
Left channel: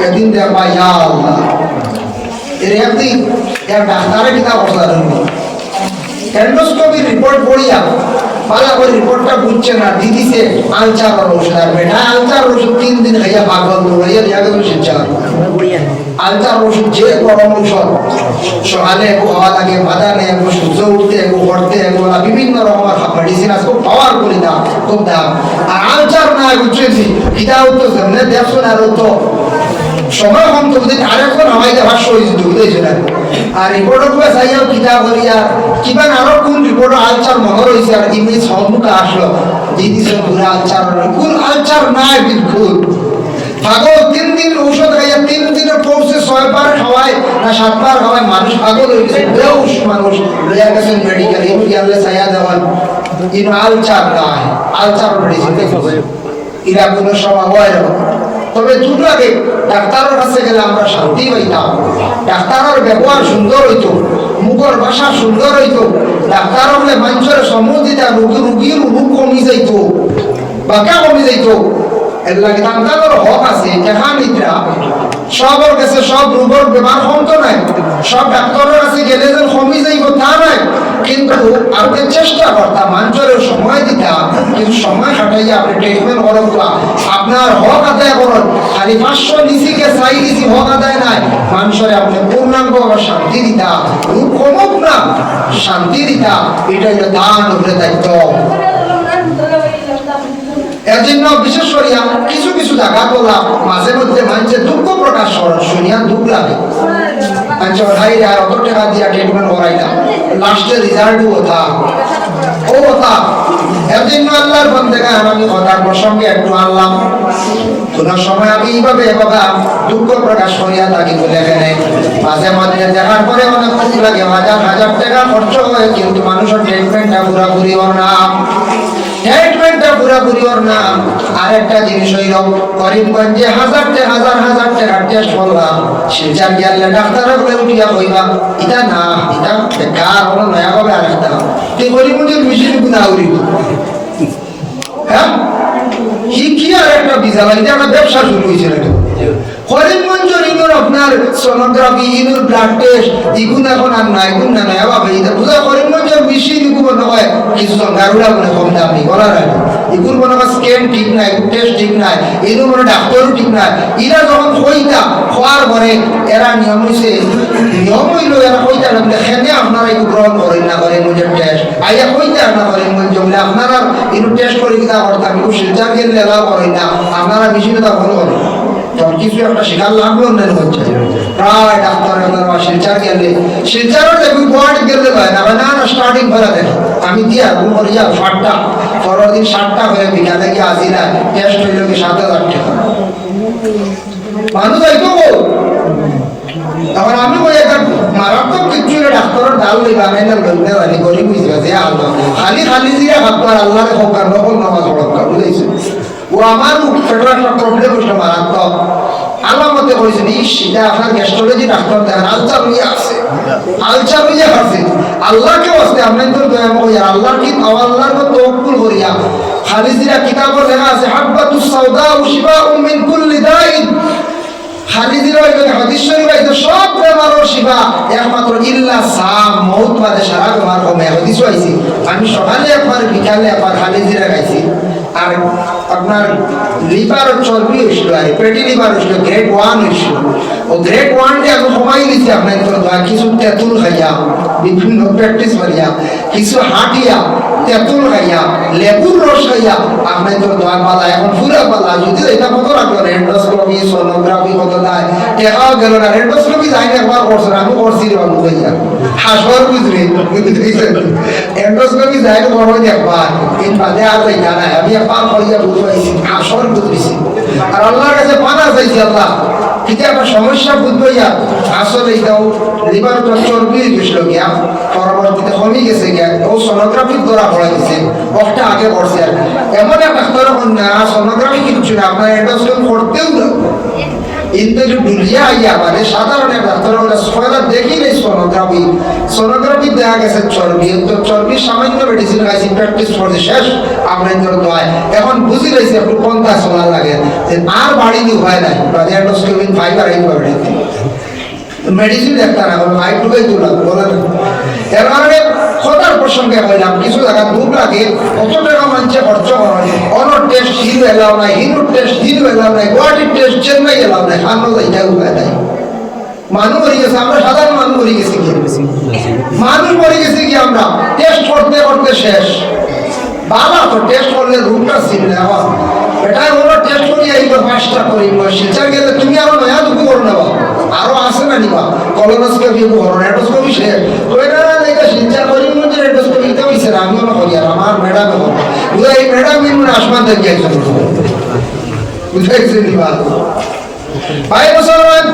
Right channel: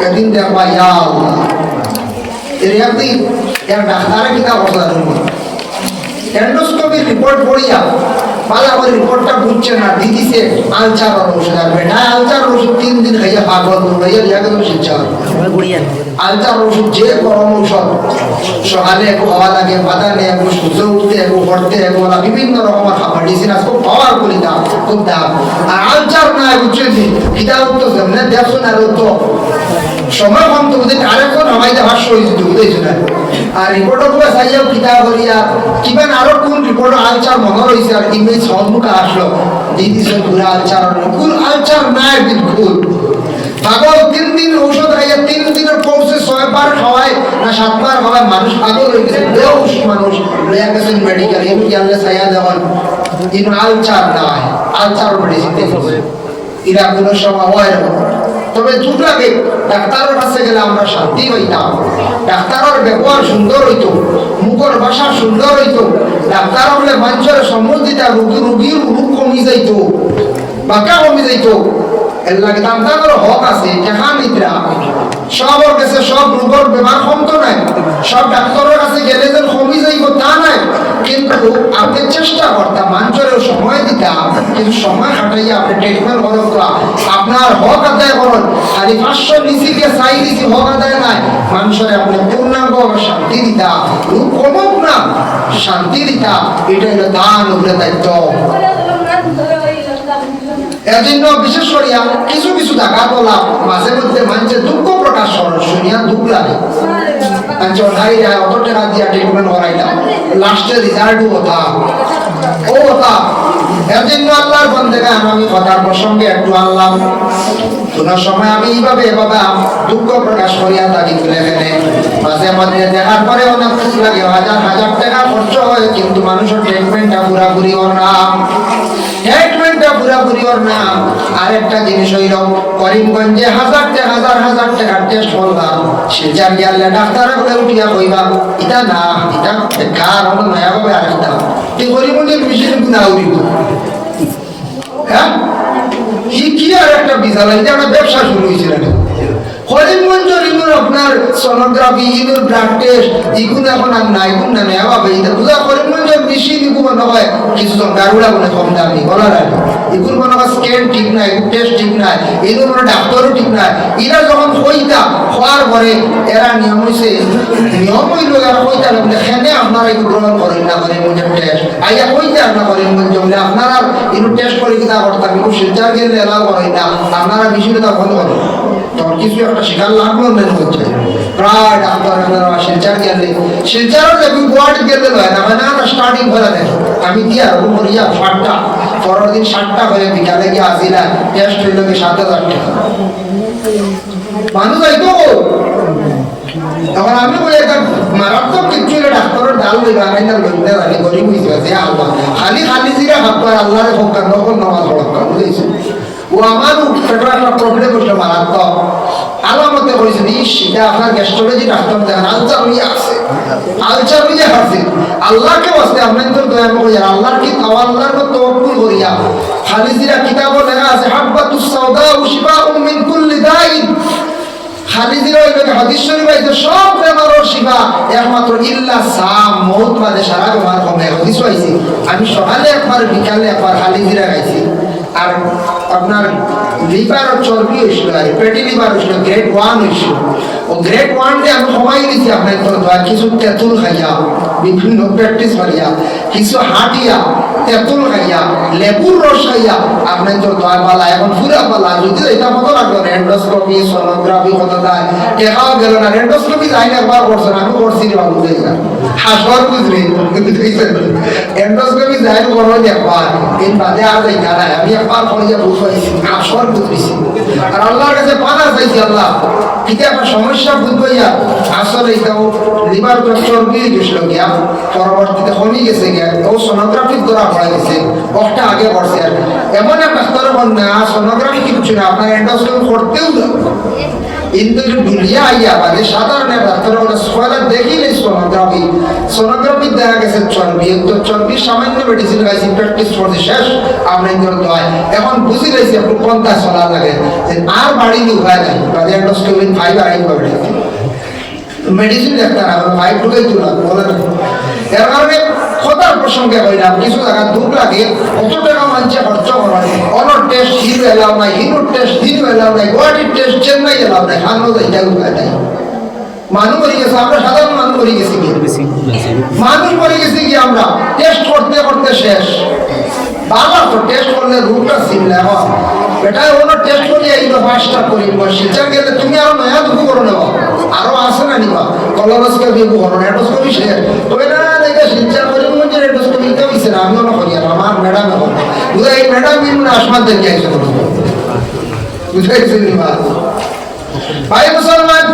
একদিন দে ভাই আল্লাহ এর একদিন এর ডাক্তারে কি তা কথা জানো এন্ডোস্কোপি রিপোর্ট পড়িয়া বালা করে রিপোর্টটা বুঝছে না দিদিছে আলচার ওষুধ বেটা আলচার ওষুধ 3 দিন খাইয়া পাগল হইয়া জায়গা ওষুধ চাল আলচার ওষুধ যে গরম ওষুধ সকালে খাওয়া লাগে বাদানে একটু সূর্য উঠতে একটু পড়তে এগুলো বিভিন্ন রকমের মেডিসিন আছে খুব পাওয়ার করি দাম খুব দাম আর আলচার না বুঝছেন এটাও তো যেমন দেখুন আর তো সময় কম তো বুঝতে আরেকজন আমাদের 500 হয়েছে বুঝেছে না আর রিপোর্টও খুব চাইয়াও কিতাব করিয়া কিবা আরো কোন রিপোর্ট আলচার মনে রয়েছে আর ইমেজ সম্মুখে আসলো দিদিস পুরো আলচার কোন আলচার নাই বিলকুল পাগল 3 দিন ঔষধ খাইয়া 3 দিনের কোর্সে 6 বার খাওয়ায় না 7 বার খাওয়ায় মানুষ পাগল হয়ে গেছে বেহুশ মানুষ লয়া গেছেন মেডিকেল এই গেলে ছায়া দেওয়ান ইন আলচার নাই আলচার মেডিসিন এরা কোনো সময় হয় না তবে দুধ লাগে ডাক্তারের কাছে গেলে আমরা শান্তি পাইতাম ডাক্তারের ব্যবহার সুন্দর হইতো মুখের ভাষা সুন্দর হইতো ডাক্তার হলে মানুষের সময় দিতা রোগীর রোগ কমি যাইতো বাঁকা কমি যাইতো এর লাগে ডাক্তারের হক আছে টাকা নিদ্রা সবার কাছে সব রোগের বেমার কমতো নাই, সব ডাক্তারের কাছে গেলে যে কমই যাইব তা নাই, কিন্তু আপনি চেষ্টা করতাম মানুষের সময় দিতাম, কিন্তু সময় হাঁটাইয়া আপনি ট্রিটমেন্ট করুন, আপনার হক আদায় করুন। খালি 500 নিচিকে চাই নিচি হক আদায় নাই, মানুষের আপনি পূর্ণাঙ্গ শান্তি দিতা, কমুক না শান্তি দিতা, এটা হলো দান উপরে দায়িত্ব। এর জন্য বিশেষ করিয়া কিছু কিছু জায়গা তোলা মাঝে মধ্যে মানুষের দুঃখ প্রকাশ করেন, শুনিয়া দুঃখ লাগে। অত টাকা দিয়া ট্রিটমেন্ট করাইলাম, লাস্টে রিজাল্ট কথা ও কথা। এর জন্য আল্লাহর বন্দেগান আমি কথার প্রসঙ্গে একটু আনলাম। কোন সময় আমি এইভাবে বাবা দুঃখ প্রকাশ করিয়া থাকি বলে এখানে মাঝে মধ্যে দেখার পরে অনেক দুঃখ লাগে, হাজার হাজার টাকা খরচ হয়, কিন্তু মানুষের ট্রিটমেন্টটা পুরাপুরি ওর নাম, ট্রিটমেন্টটা পুরাপুরি ওর নাম। আরেকটা জিনিস হইল করিমগঞ্জে হাজার টাকার টেস্ট করলাম, শিলচার গেলে ডাক্তার করে উঠিয়া কইবা এটা না এটা বেকার হলো নয়া কবে আরেকটা তুই করিমগঞ্জের মেশিন গুণা উড়িব। হ্যাঁ কি আর একটা বিশাল এটা একটা ব্যবসা শুরু হয়েছে নাকি করিমগঞ্জের ইনুর আপনার সোনোগ্রাফি ইনুর ব্লাড টেস্ট ইগুন এখন আর নাই, ইগুন না নয়া ভাবে এটা বুঝা করিমগঞ্জের মেশিন ইগু মনে হয় কিছু গারুড়া বলে কম দামি বলার আগে ইগুন মনে হয় স্ক্যান ঠিক নাই, টেস্ট ঠিক নাই, এগুলো মনে ডাক্তারও ঠিক নাই। এরা যখন কইতা খোয়ার পরে এরা নিয়ম হইছে, নিয়ম হইল এরা কইতা দেখেনে আপনারা এগুলো গ্রহণ করেন না করেন মুঝের টেস্ট আইয়া কইতা না করেন জমলে আপনারা এগুলো টেস্ট করে কিনা করতাম, এগুলো শিলচার গেলে এলাও করেন না, আপনারা মেশিনটা বন্ধ করেন। তখন কিছু একটা শিকার লাগলো মনে হচ্ছে প্রায় ডাক্তার শিলচার গেলে শিলচারও দেখবি গুয়াহাটি গেলে হয় না, না না স্টার্টিং করে দেন আমি দিয়া রুম করিয়া 7টা পরের দিন 7টা করে বিকালে গিয়ে আসিলা টেস্ট হইল কি 7,000 টাকা মানুষ আইতো গো। তখন আমি বলি একটা মারাত্মক কিছু ডাক্তারের ডাল লইবা আমি না লইতে পারি গরিব হয়েছে যে আল্লাহ খালি খালি জিরা ভাববার আল্লাহরে হোকার নকল নামাজ পড়া বুঝেছি। ও আমার একটা প্রবলেম হইল মারাত্মক আলামতে বলেছেন ইস এটা আপনার গ্যাস্ট্রোলজি ডাক্তার দেখেন আলচার হয়ে আছে, আলচার হয়ে আছে। আল্লাহকে বসতে আমি তো দয়া করি আল্লাহর কি আল্লাহর মতো তওয়াক্কুল করিয়া খালি জিরা কিতাবে লেখা আছে হাব্বাতুস সাউদা শিফাউম মিন কুল্লি দাইন, খালি জিরা ওই হাদিস শরীফে আছে সব বেমারের শিফা একমাত্র ইল্লা সাম মউত বাদে সারা বেমার কমে হাদিস হইছে। আমি সকালে একবার বিকালে একবার খালি জিরা খাইছি। আর আপনার লিভার চর্বি হয়েছিল আর পেটি লিভার হয়েছিল গ্রেড 1 হয়েছিল, ও গ্রেড 1 ডে আমি কমাই দিয়েছি আপনার কিছু তেঁতুল খাইয়া বিভিন্ন প্র্যাকটিস করিয়া কিছু হাঁটিয়া তেঁতুল খাইয়া লেবুর রস খাইয়া আপনার তোর দয়া পালা এখন পুরা পালা যদি এটা কত লাগলো রেন্ডোস্কোপি সোনোগ্রাফি কত দেয় টেকাও গেল না, রেন্ডোস্কোপি যাই না একবার করছেন আমি করছি বাবু যাইয়া হাসর বুঝলি এন্ডোস্কোপি যাই বড় একবার এই বাদে আর যাই না আমি একবার করিয়া বুঝবাইছি হাসর বুঝতেছি আর আল্লাহর কাছে পানা চাইছি আল্লাহ ঠিক আছে সমস্যা বুঝবাইয়া আসলে এটাও লিভার চর্বি গেছিল গিয়া পরবর্তীতে কমে গেছে গিয়া ও সোনোগ্রাফির দ্বারা পড়ে গেছে একটা আগে পড়ছে আর এমন এক ডাক্তার না সোনোগ্রাফি কিচ্ছু না আপনার এন্ডোস্কোপি করতেও কিন্তু দুলিয়া আইয়া মানে সাধারণ ডাক্তার স্পয়লার দেখিলে সোনোগ্রাফি সোনোগ্রাফি দেখা গেছে চর্বি তো চর্বি সামান্য মেডিসিন খাইছি প্র্যাকটিস করতে শেষ আমরা নয় এখন বুঝি রয়েছি আপনি কোনটা সোনা লাগে যে আর বাড়ি দি উপায় নাই বাদে এন্ডোস্কোপি ফাইবার আইন করে মেডিসিন ডাক্তার আমার ভাই ঢুকাই তুলা বলেন। এর কারণে কথার প্রসঙ্গে হইলাম কিছু জায়গা দুঃখ লাগে কত টাকা মানুষে খরচ করে অনর টেস্ট হিরো এলাও নাই, হিরোর টেস্ট হিরো এলাও নাই, গুয়াহাটির টেস্ট চেন্নাই এলাও নাই, হানো যাই উপায় নাই। মানুষ মরে গেছে, আমরা সাধারণ মানুষ মরে গেছি কি মানুষ মরে গেছি কি আমরা টেস্ট করতে করতে শেষ। বাবা তো টেস্ট করলে রুটটা চিনলে এখন এটাই হলো টেস্ট করি এইবার 5টা করি শিলচার গেলে তুমি আরো নয়া দুঃখ করো নেব আরো আসে না নিবা কলোনোস্কোপি করো এন্ডোস্কোপি শেষ ওই না এটা শিলচার করি মধ্যে এন্ডোস্কোপি তো হইছে না আমিও না করি আর আমার ম্যাডাম এখন বুঝা এই ম্যাডাম কিন্তু আসমান দেখে আইসো বুঝাইছে নিবা ভাই মুসলমান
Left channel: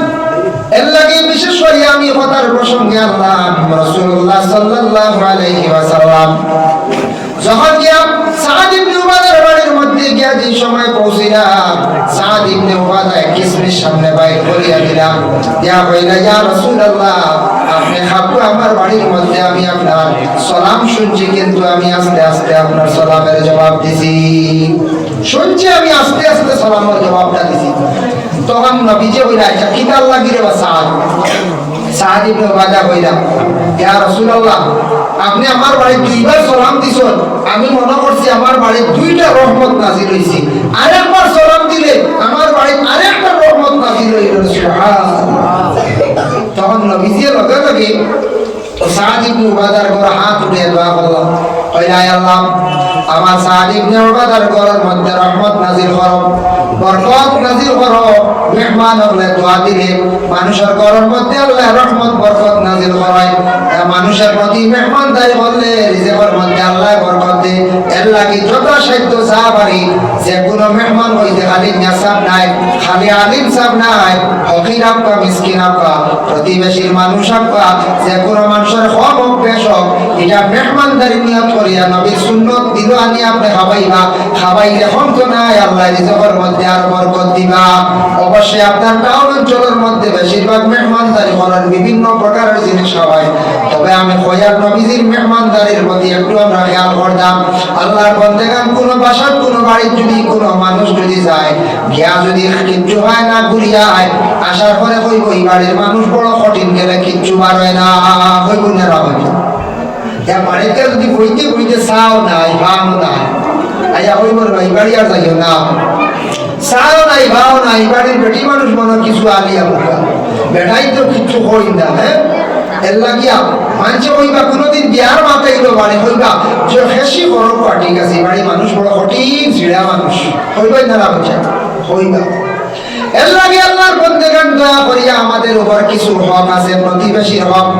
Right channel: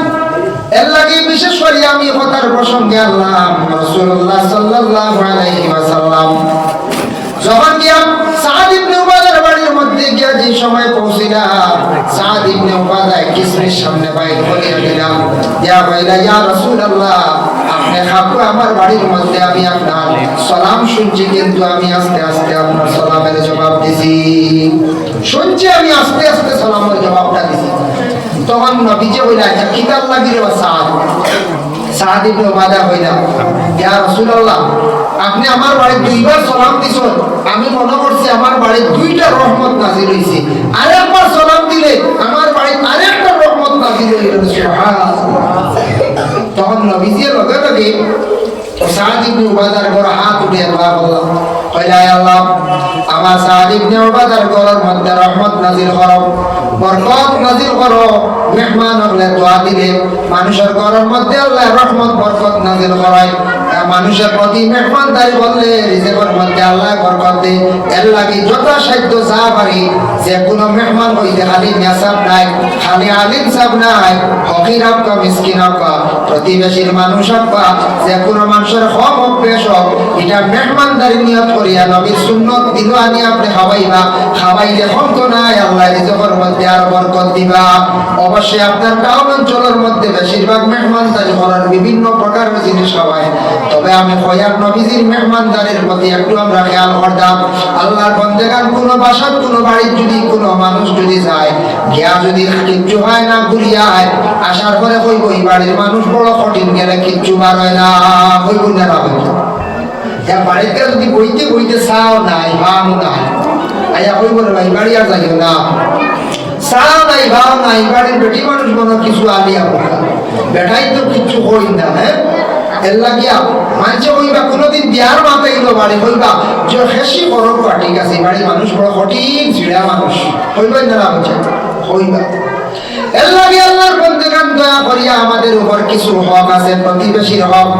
এর লাগি বিশেষ করে আমি কথার প্রসঙ্গে আল্লাহ রাসূলুল্লাহ সাল্লাল্লাহু আলাইহি ওয়াসাল্লাম যখন গিয়া সাদ ইবনে উবাদার বাড়ির মধ্যে গিয়া যে সময় পৌঁছিলাম সাদ ইবনে উবাদা কিসরির সামনে বাইর করিয়া দিলাম ইয়া কইলা ইয়া রাসূলুল্লাহ আপনি খাবো আমার বাড়ির মধ্যে আমি আপনার সালাম শুনছি কিন্তু আমি আস্তে আস্তে আপনার সালামের জবাব দিছি শুনছি আমি আস্তে আস্তে সালামের জবাবটা দিছি তখন নবীজি কইলা আচ্ছা কিতার লাগিরে বা সাদ ইবনে উবাদা কইলা ইয়া রাসূলুল্লাহ আপনি আমার বাড়ি দুইবার সালাম দিছেন আমি মনে করছি আমার বাড়ি দুইটা রহমত নাযিল হইছে আরেকবার সালাম দিলে আমার বাড়ি আরেকটা রহমত নাযিল হইল সুবহানাল্লাহ তখন নবীজি লগে লগে সাদ ইবনে উবাদার ঘর হাত উঠিয়ে দোয়া করলেন কইলা আল্লাহ আমার সাদ ইবনে উবাদার ঘরের মধ্যে রহমত নাযিল করো বরকত নাযিল করো মেহমান হলে দোয়া দিলে মানুষের ঘরের মধ্যে আল্লাহ রহমত বরকত নাযিল করায় মানুষের প্রতি মেহমানদারি বললে রিজিকের মধ্যে আল্লাহ বরকত দেয় এর লাগি যথাসাধ্য যা পারি যে কোনো মেহমান হইতে খালি মেসাব নাই খালি আলিম সাব নাই ফকির আপকা মিসকিন আপকা প্রতিবেশীর মানুষ আপকা যে কোনো মানুষের হক হোক বেশ হোক এটা মেহমানদারি নিয়ত করিয়া নবীর সুন্নত দিল আনি আপনি খাওয়াইবা খাওয়াইলে হন্ত নাই আল্লাহ রিজিকের মধ্যে আর বরকত দিবা অবশ্যই আপনার টাউন অঞ্চলের মধ্যে বেশিরভাগ মেহমানদারি করার বিভিন্ন প্রকারের জিনিস হয় তবে আমি কইয়ার নবীজির মেহমানদারির প্রতি একটু আমরা খেয়াল করতাম আল্লাহর বন্দেগান কোনো বাসার কোনো বাড়ির যদি কোনো মানুষ যদি যায় গিয়া যদি কিচ্ছু হয় না ঘুরিয়া আয় আসার পরে কইব এই বাড়ির মানুষ বড় কঠিন গেলে কিচ্ছু বার হয় না কইব না হবে যা বাড়িতে যদি বইতে বইতে চাও নাই ভাও নাই আইয়া কইব ভাই বাড়ি আর যাইও না চাও নাই ভাও নাই বাড়ির বেটি মানুষ মনে কিছু আলিয়া বলা বেটাই তো কিচ্ছু করি না হ্যাঁ এর লাগিয়া মানুষে কইবা কোনোদিন বিয়ার মাতাইলো বাড়ি কইবা যে হেসি বড় ঠিক আছে বাড়ির মানুষ বড় কঠিন ছিড়া মানুষ কইবাই না বুঝে কইবা এর লাগে আল্লাহর বন্দেগান দয়া করিয়া আমাদের উপর কিছু হক আছে প্রতিবেশীর হক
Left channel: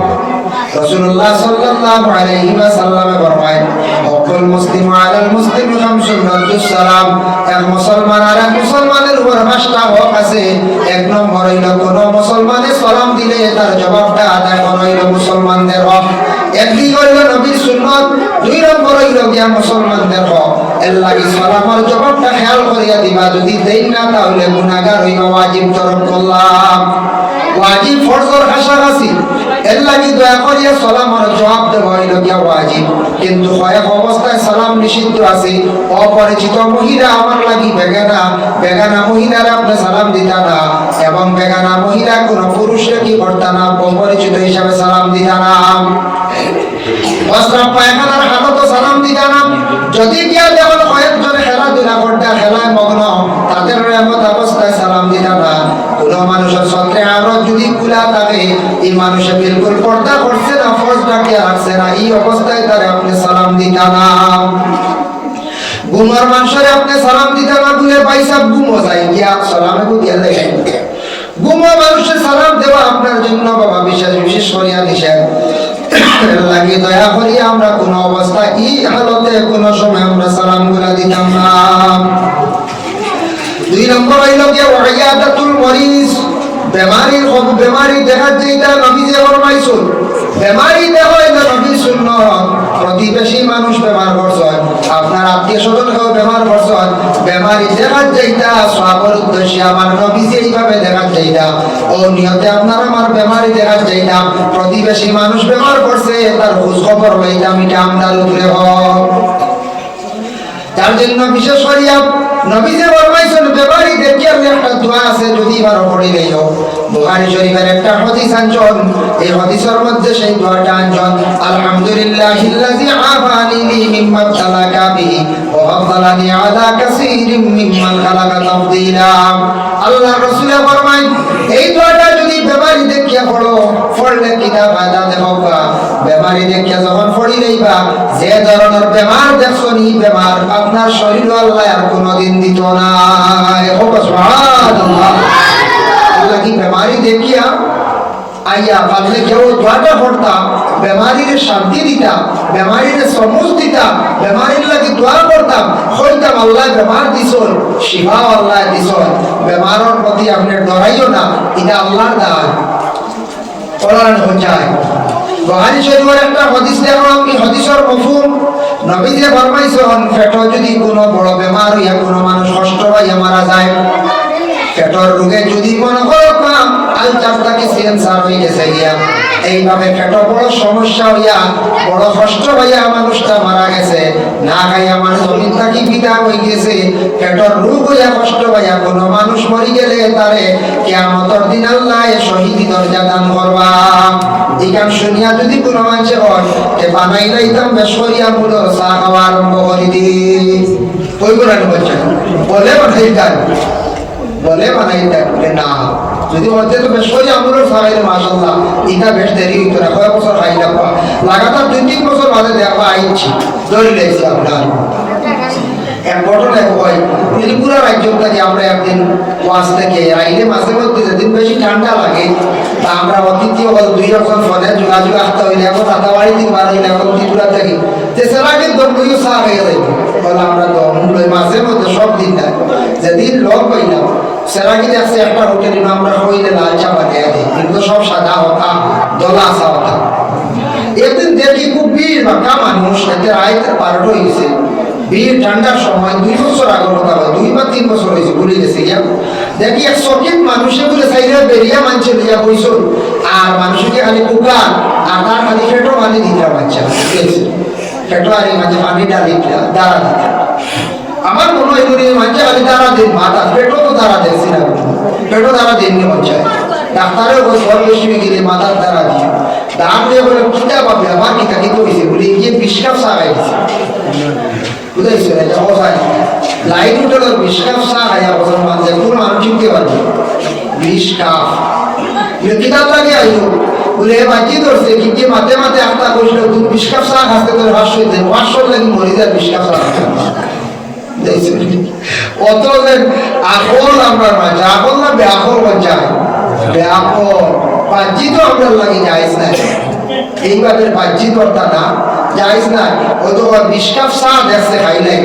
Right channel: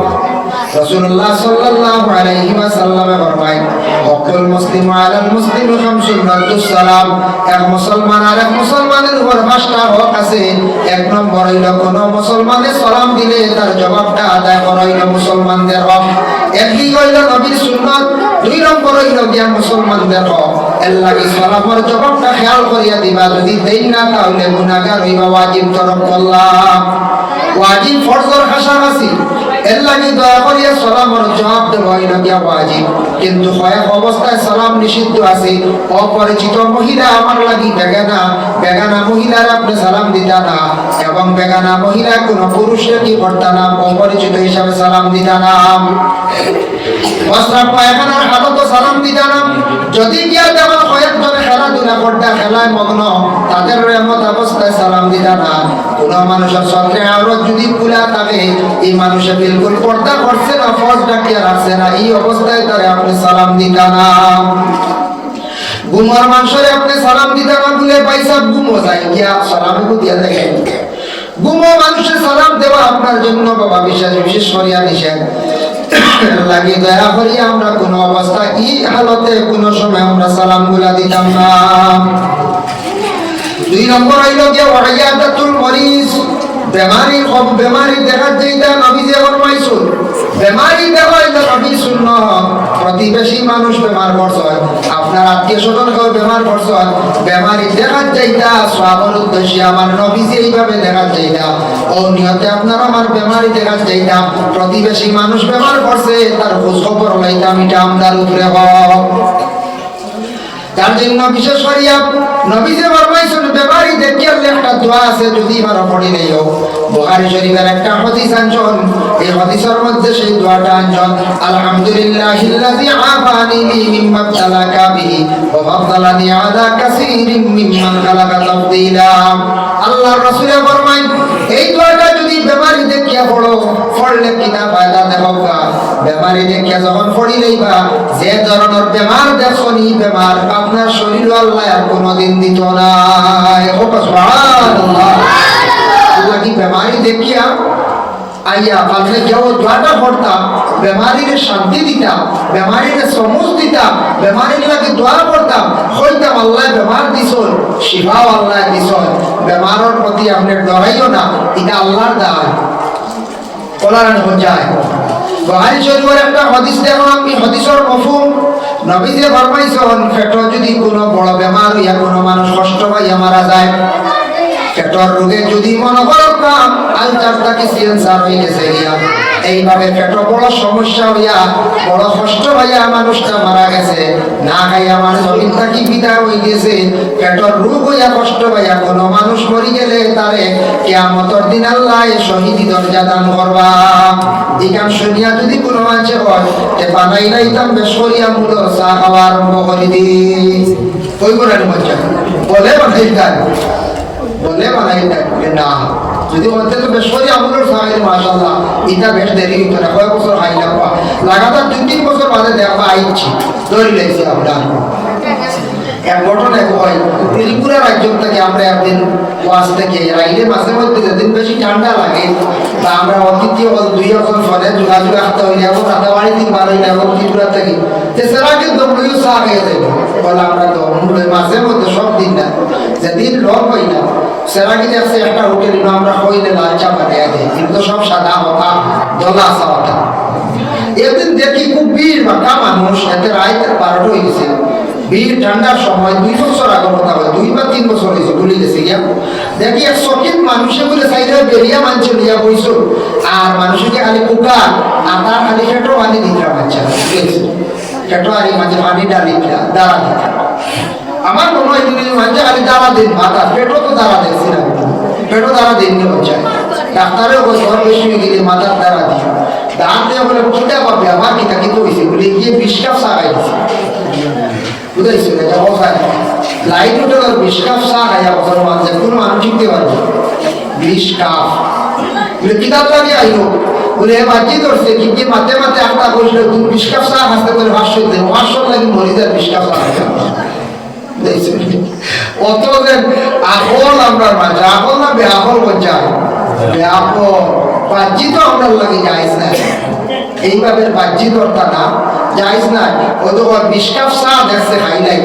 রাসূলুল্লাহ সাল্লাল্লাহু আলাইহি ওয়াসাল্লামে ফরমায় হকুল মুসলিম আলাল মুসলিম খামসুন রাদ্দুস সালাম এক মুসলমান আর এক মুসলমানের উপর পাঁচটা হক আছে এক নম্বর হইল কোন মুসলমানে সালাম দিলে তার জবাবটা আদায় করা হইল মুসলমানদের হক একদিক হইল নবীর সুন্নাত দুই নম্বর হইল গিয়া মুসলমানদের হক এর লাগি সালামের জবাবটা খেয়াল করিয়া দিবা যদি দেই না তাহলে গুনাহগার হইবা ওয়াজিব তরক করলাম ওয়াজিব ফরজের কাছাকাছি এর লাগি দয়া করিয়া সালামের জবাব দেওয়া হইল গিয়া ওয়াজিব কিন্তু কয়েক অবস্থায় সালাম নিষিদ্ধ আছে অপরিচিত মহিলা আমার লাগি বেগানা মহিলার আপনি সালাম দিতা না এবং বেগানা মহিলা কোন পুরুষের কি করতা না অপরিচিত হিসাবে সালাম দিতা না বস্ত্র পায়খানার হাতত সালাম দিতা না যদি গিয়া দেখো কয়েকজনে খেলাধুলা করতা খেলায় মগ্ন তাদের এমন অবস্থায় সালাম দিতা না কোন মানুষের সত্রে আরো যদি খোলা থাকে এই মানুষে বিলকুল পর্দা করছে না ফরজটাকে রাখছে না এই অবস্থায় তারে আপনি সালাম দিতা না গুমার মানুষের আপনি সালাম দিতা না বলে পয়সা গুমো যাই গিয়া সালামে কো দিয়া যায় গুমা মানুষের সালাম দেওয়া আপনার জন্য বাবা বিশেষ করিয়া নিষেধ লাগে দয়া করি আমরা কোন অবস্থা এই হালতে কোন সময় আমরা সালাম গুলা দিতাম না দুই নম্বর হইল যে ওয়াইয়াদাতুল মরিজ বেমারি দেখা যেটা নবী যে ফরমাইছেন বেমারি দেখা এটা নবীর সুন্নাত প্রতিবেশী মানুষ বেমার পড়ছে আপনার আত্মীয়স্বজন কেউ বেমার পড়ছে বেমারি দেখা যাইতা সওয়াবের উদ্দেশ্যে আমার নবী যে এইভাবে দেখা যাইতা ও নিয়তে আপনার আমার বেমারি দেখা যাইতা প্রতিবেশী মানুষ বেমার পড়ছে তার খোঁজ খবর লইতাম এটা আমদার উপরে হোক তার জন্য বিশেষ করিয়া নবী যে ফরমাইছেন বেমারি দেখিয়া একটা দোয়া আছে যদি বারো পড়ি লইও বুখারী শরীফের একটা হাদিস আনছেন এই হাদিসের মধ্যে সেই দোয়াটা আনছেন আলহামদুলিল্লাহিল্লাযী আফানি মিম্মা তালাকা বিহি ওয়া ফাদদালানি আলা কাসীরিম মিম্মান খালাকা তাফদীলা আল্লাহর রাসূল ফরমায় এই দোয়াটা যদি বেমারি দেখিয়া পড়ো পড়লে কিনা ফায়দা দেববা বেমারি দেখিয়া যখন পড়ি লইবা যে ধরনের বেমার দেখছনি বেমার আপনার শরীর আল্লাহ আর কোনোদিন দিত না ও সুবহানাল্লাহ আল্লাহ কি বেমারি দেখিয়া আইয়া কাছে কেউ দোয়াটা পড়তাম বেমারির শান্তি দিতাম বেমারির সমুজ দিতাম বেমারির লাগি দোয়া করতাম হইতাম আল্লাহ বেমার দিছল শিফাও আল্লাহ দিছল বেমারের প্রতি আপনি ডরাইও না এটা আল্লাহর দান কোরআন বোঝায় বুখারী শরীফের একটা হাদিস দেখো আমি হাদিসের মফহুম নবী যে ফরমাইছেন পেট যদি কোনো বড় বেমার হইয়া কোনো মানুষ কষ্ট পাইয়া মারা যায় পেটের রোগে যদি মনে করতাম লাল চাপটা কি সেন্সার হয়ে গেছে গিয়া এইভাবে পেটের বড় সমস্যা হইয়া বড় কষ্ট হইয়া মানুষটা মারা গেছে না খাইয়া আমার জমিন থাকি পিতা হয়ে গেছে পেটের রোগ হইয়া কষ্ট হইয়া কোনো মানুষ মরি গেলে তারে কিয়ামতের দিন আল্লাহ শহীদি দরজা দান করবা ইকান শুনিয়া যদি কোনো মানুষে হয় এ বানাই লাইতাম বেশরিয়া মুলো চা খাওয়া আরম্ভ করে দি কই বলেন বলছেন বলে বানাই দেন বলে বানাই দেন বলে না যদি বলতে তো বেশরি আমলের সাহায্যে মাশাআল্লাহ এটা বেশ দেরি হইতো না কয়েক বছর খাইলে লাগাতার 2-3 বছর বাদে দেখা আইছি ধরে লেগেছি আপনার এক ঘটনা হয় ত্রিপুরা রাজ্য থেকে আমরা একদিন ওয়াজ থেকে আইলে মাঝে মধ্যে যেদিন বেশি ঠান্ডা লাগে বা আমরা অতিথি হল 2 রকম ফোনে যোগাযোগ আসতে হইলে এখন রাতাবাড়ি দিন বার হইলে এখন ত্রিপুরা থেকে তেসারা কিন্তু মূল্য চা হয়ে যাবে বলে আমরা তো মাঝে মধ্যে সব দিন না যেদিন লোক হই না সেরাগি যাচ্ছে একটা হোটেল আমরা হইলে লাল চা বানিয়ে দিই কিন্তু সব সাদা হতা দলা চা হতা এদিন দেখি খুব ভিড় বাঁকা মানুষ এতে রাইতে 12টা হয়ে গেছে ভিড় ঠান্ডার সময় 2 বছর আগের কথা হয় 2 বা 3 বছর হয়েছে ভুলে গেছে গিয়া দেখি এক সকিন মানুষে বলে সাইডে বেরিয়া মানছে দিয়া বইছ আর মানুষকে খালি কুকার আর তার খালি ফেটো পানি দিতে বাচ্চা ফেটো আর মাঝে পানি ডালি দাঁড়া দিতে আমার মনে হয় তুমি মাঝে খালি দাঁড়া দিন মাথা পেটও তো দাঁড়া দেখছি না পেটও দাঁড়া দিন বাচ্চা ডাক্তারেও সব বেশি গিয়ে মাথার দাঁড়া দিয়ে দাঁড় দিয়ে বলে কোথায় পাবে আমার কি থাকি তো হয়েছে বলে গিয়ে বিষকাপ সাগাই দিচ্ছে বুঝাইছে এটা বসায় লাইট উঠে বিষকাপ সাগাই বছর মাঝে কোনো মানুষ কি পারবে বিষকাপ কিতাব লাগে আইলো বলে বাকি ধরছে কিন্তু মাতে মাতে একটা কইল তুমি বিষকাপ সাগ হাসতে করে ভাষ্য দিতে ভাষ্য লাগি মরি যায় বিষকাপ সাগ অত যে আকল আমরা মাঝে আকল না বেআকল বাচ্চায় বেআকল বাহ্যি তো আমরা লাগে যাইস না এইভাবে বাহ্যি দরটা না যাইস না ওই তো বিষকাপ চা দেখছে খাই নাই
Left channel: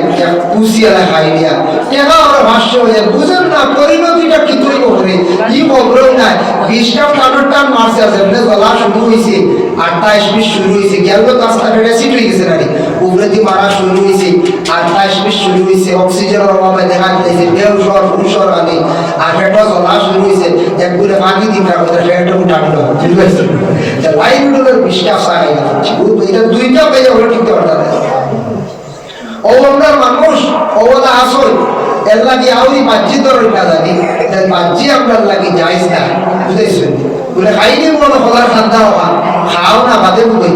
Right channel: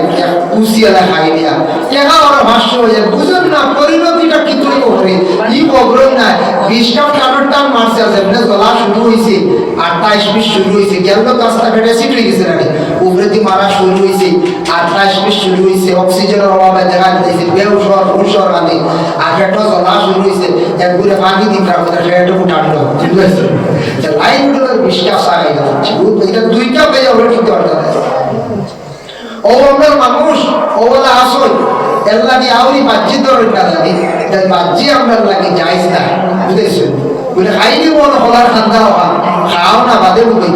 কুচিয়ালা খাই দিয়া কেনা ওরা ভাষ্য হয়ে বুঝেন না পরিণতিটা কি তুই করে কি খবর নাই বিষকাপ টানোর টান মারছে আছে মানে গলা শুরু হয়েছে 28-20 শুরু হয়েছে গেল রাস্তা ফেটে সিট হয়ে গেছে নাকি উপরেতি মারা শুরু হয়েছে 28-20 শুরু হয়েছে অক্সিজেনের অভাবে দেখা দিয়েছে বেউসর পুরুষর আনে আর ফেটো গলা শুরু হয়েছে একবারে পানি দিন রাখতে ফেটো উঠানো ঠিক আছে লাইন উঠে বিষকাপ চা খাই যাচ্ছে এটা দুইটা পেয়ে ওটা ঠিক করতে হবে ও আমরা মানুষ ওলা আসল এর লাগে আউরি বাহ্যি ধরে না জানি তাই বাহ্যি আপনার লাগে যাইস না বুঝেছেন বলে খাইনি মন হলার ঠান্ডা হওয়া খাও না বাদে বুঝতে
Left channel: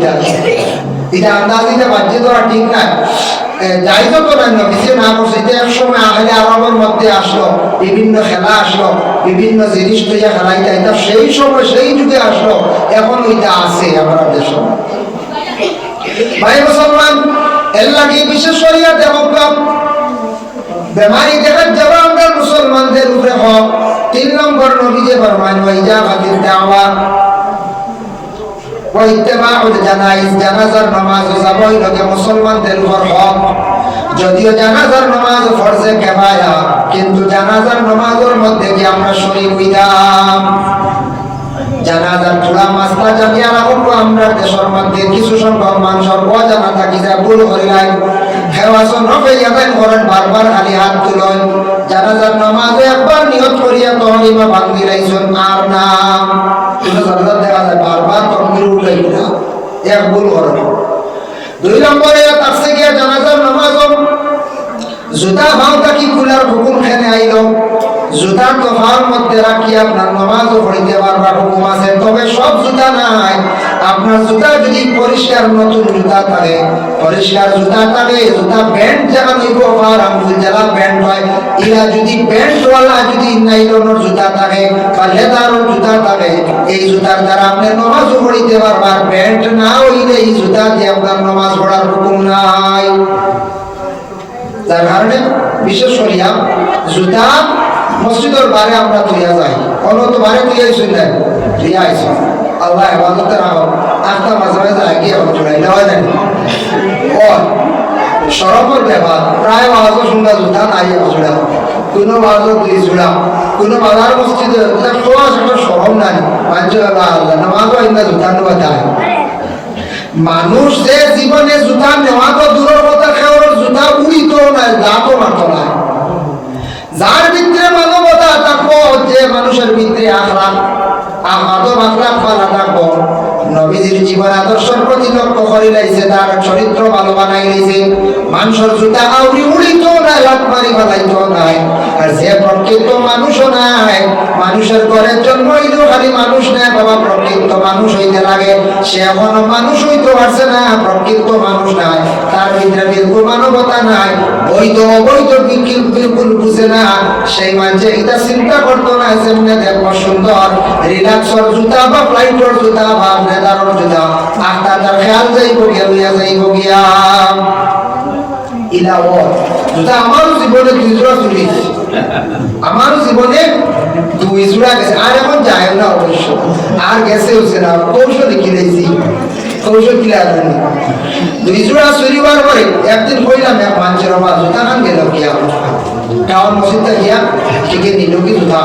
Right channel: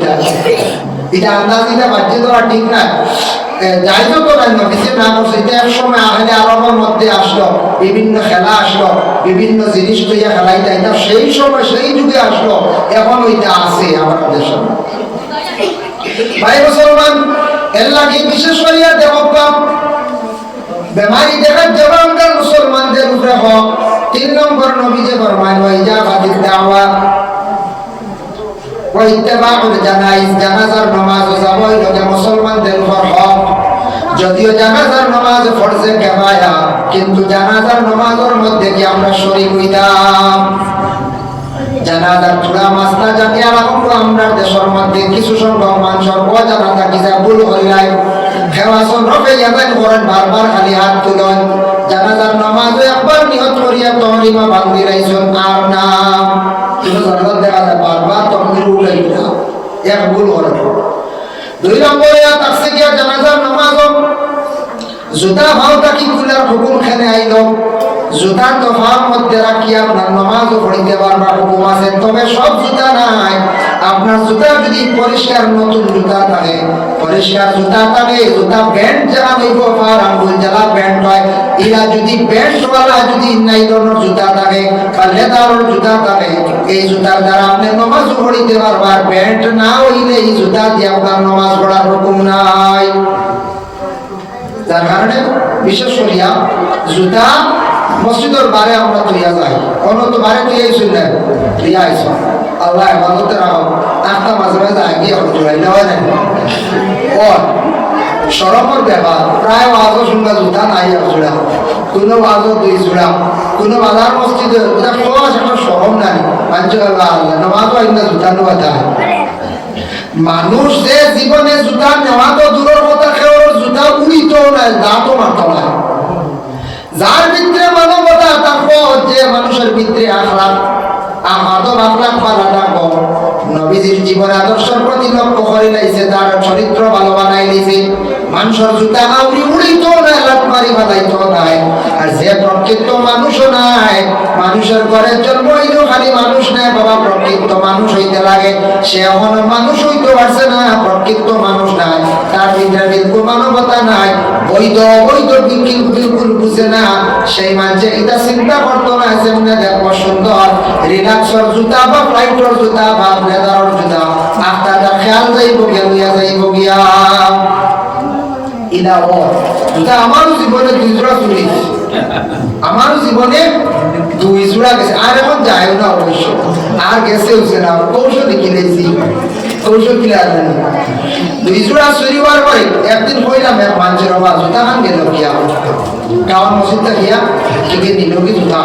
এটা আন্দাজিটা বাহ্যি ধরা ঠিক না যাইতো তো না কিছু না বসে এক সময় আহলে আরবের মধ্যে আসলো বিভিন্ন খেলা আসলো বিভিন্ন জিনিস তৈরি খেলাই যাইতা সেই সময় সেই যুগে আসলো এখন ওইটা আছে আমাদের দেশে ভাই মুসলমান এর লাগে বিশেষ করিয়া দেহগত বেমারি দেখার যাবা আমরা মুসলমানদের উপরে হক 3 নম্বর নবী যে ফরমান ওয়াইজা বাদির দাওয়া ওয়া ইত্তিবাউল জানাইজ জানাজার নামাজ যাবই লগে মুসলমানদের উপর হক যদিও জানাজার নামাজ ফরজে কিফায়া কিন্তু জানাজার নামাজের মধ্যে কি আমরা শরীক হইতাম জানাজার পুরা মাসলা জামিয়া রাখবো আমরা দেশের মধ্যে কিছু সংখ্যক মানুষের অজানা থাকি যা ভুল করিলাই হেওয়াসন রফে ইয়াদান করেন বারবার খালি হাত তুলেন জানাজার নামাজে একবার নিয়ত করিয়া তহলিমা ভাঙ্গি রাইছেন আর না কিন্তু জানাজার দেখা যায় বারবার তকবীর উঠাই না এক ভুল করেন 2 নম্বরে তাকসে গিয়া জানাজার নামাজ জুতা ভাওটা কি খুলার হুকুম খেনে আইলো জুতা তো ভার মধ্যে রাখি আপনার নামাজও পড়িতে পারবার হুকুম আছে তবে সব জুতা নাই আপনার জুতা যদি পরিষ্কার নতুন জুতা থাকে পরিষ্কার জুতা থাকে জুতা প্যান্ট যারা হইব আর আঙ্গুল যারা প্যান্ট হয় এরা যদি প্যান্টওয়ালা যদি নাইলনের জুতা থাকে বা লেদারের জুতা থাকে এই জুতার দ্বারা আপনি নামাজও পড়িতে পারবার প্যান্ট না হইলে এই জুতা দিয়ে আপনার নামাজ পড়ার হুকুম নাই যার কারণে বিশেষ করিয়া জুতা মসজিদের বারে আমরা তুইয়া যাই অন্য বারে তুইয়াইছি না তুইয়াইছি আল্লাহ হেফাজতে রাখো আটটা মাঝে মাঝে আগিয়ে আমরা জোড়াইলে হয় না ও সরফের ব্যাপার প্রায় বাজও শুনবা জুতা নাই জোড়া কোনো বাজও 2 জোড়া কোনো বাজার মসজিদে খরচ একটা সরম নাই মানছে আল্লাহ আল্লাহ নামাজও ইন্দা জুতা নেওয়া যায় মানুষ যে জীবনে জুতা নেওয়া তো দূরের কথা খেয়ার জুতা উড়িত না দাঁতও মারত না যার ভিতরে মানবতা থাকবো যে মানুষের ভিতরে আখলাক আদব আখলাক ভালো রাখো নবীজির জীবন আদর্শের প্রতি লক্ষ্য করে লাইছে তার চরিত্র ভালো বানাই লাইছে মানুষের জুতা আউরি উড়িত না লাত মারি বাদাইতো নাই আর যে প্রকৃত মানুষও নাই মানুষের ঘরের জন্ম হইল খালি মানুষ নাই বাবা প্রকৃত মানুষ হইতে লাগে সে এমন মানুষ হইতে পারছে না প্রকৃত মানুষ নাই তার ভিতরে বিলকুল মানবতা নাই বৈধ অবৈধ বিলকুল বুঝে না সেই মানুষে এটা চিন্তা করতো না যেমনে দেখবো সুন্দর রিল্যাক্সর জুতা বা ফ্লাইটর জুতা বা নেদারর জুতা আত্মাটার খেয়াল যাইব গিয়া জুতা আমারও জীবনে 2 জোড়া চুরি আমারও জীবনে 2 জোড়া গেছে আর এখন যায় না অবশ্য আর গেছে হচ্ছে না কৌশল কিনেছি কৌশল কিনে আসবেন 2 জোড়া চুরি হওয়ার পরে একদিন কইলাম এক মানুষের বাবা জুতা খান গেল গিয়া কারণ মসজিদটা গিয়া থেকে নিল কি জুতা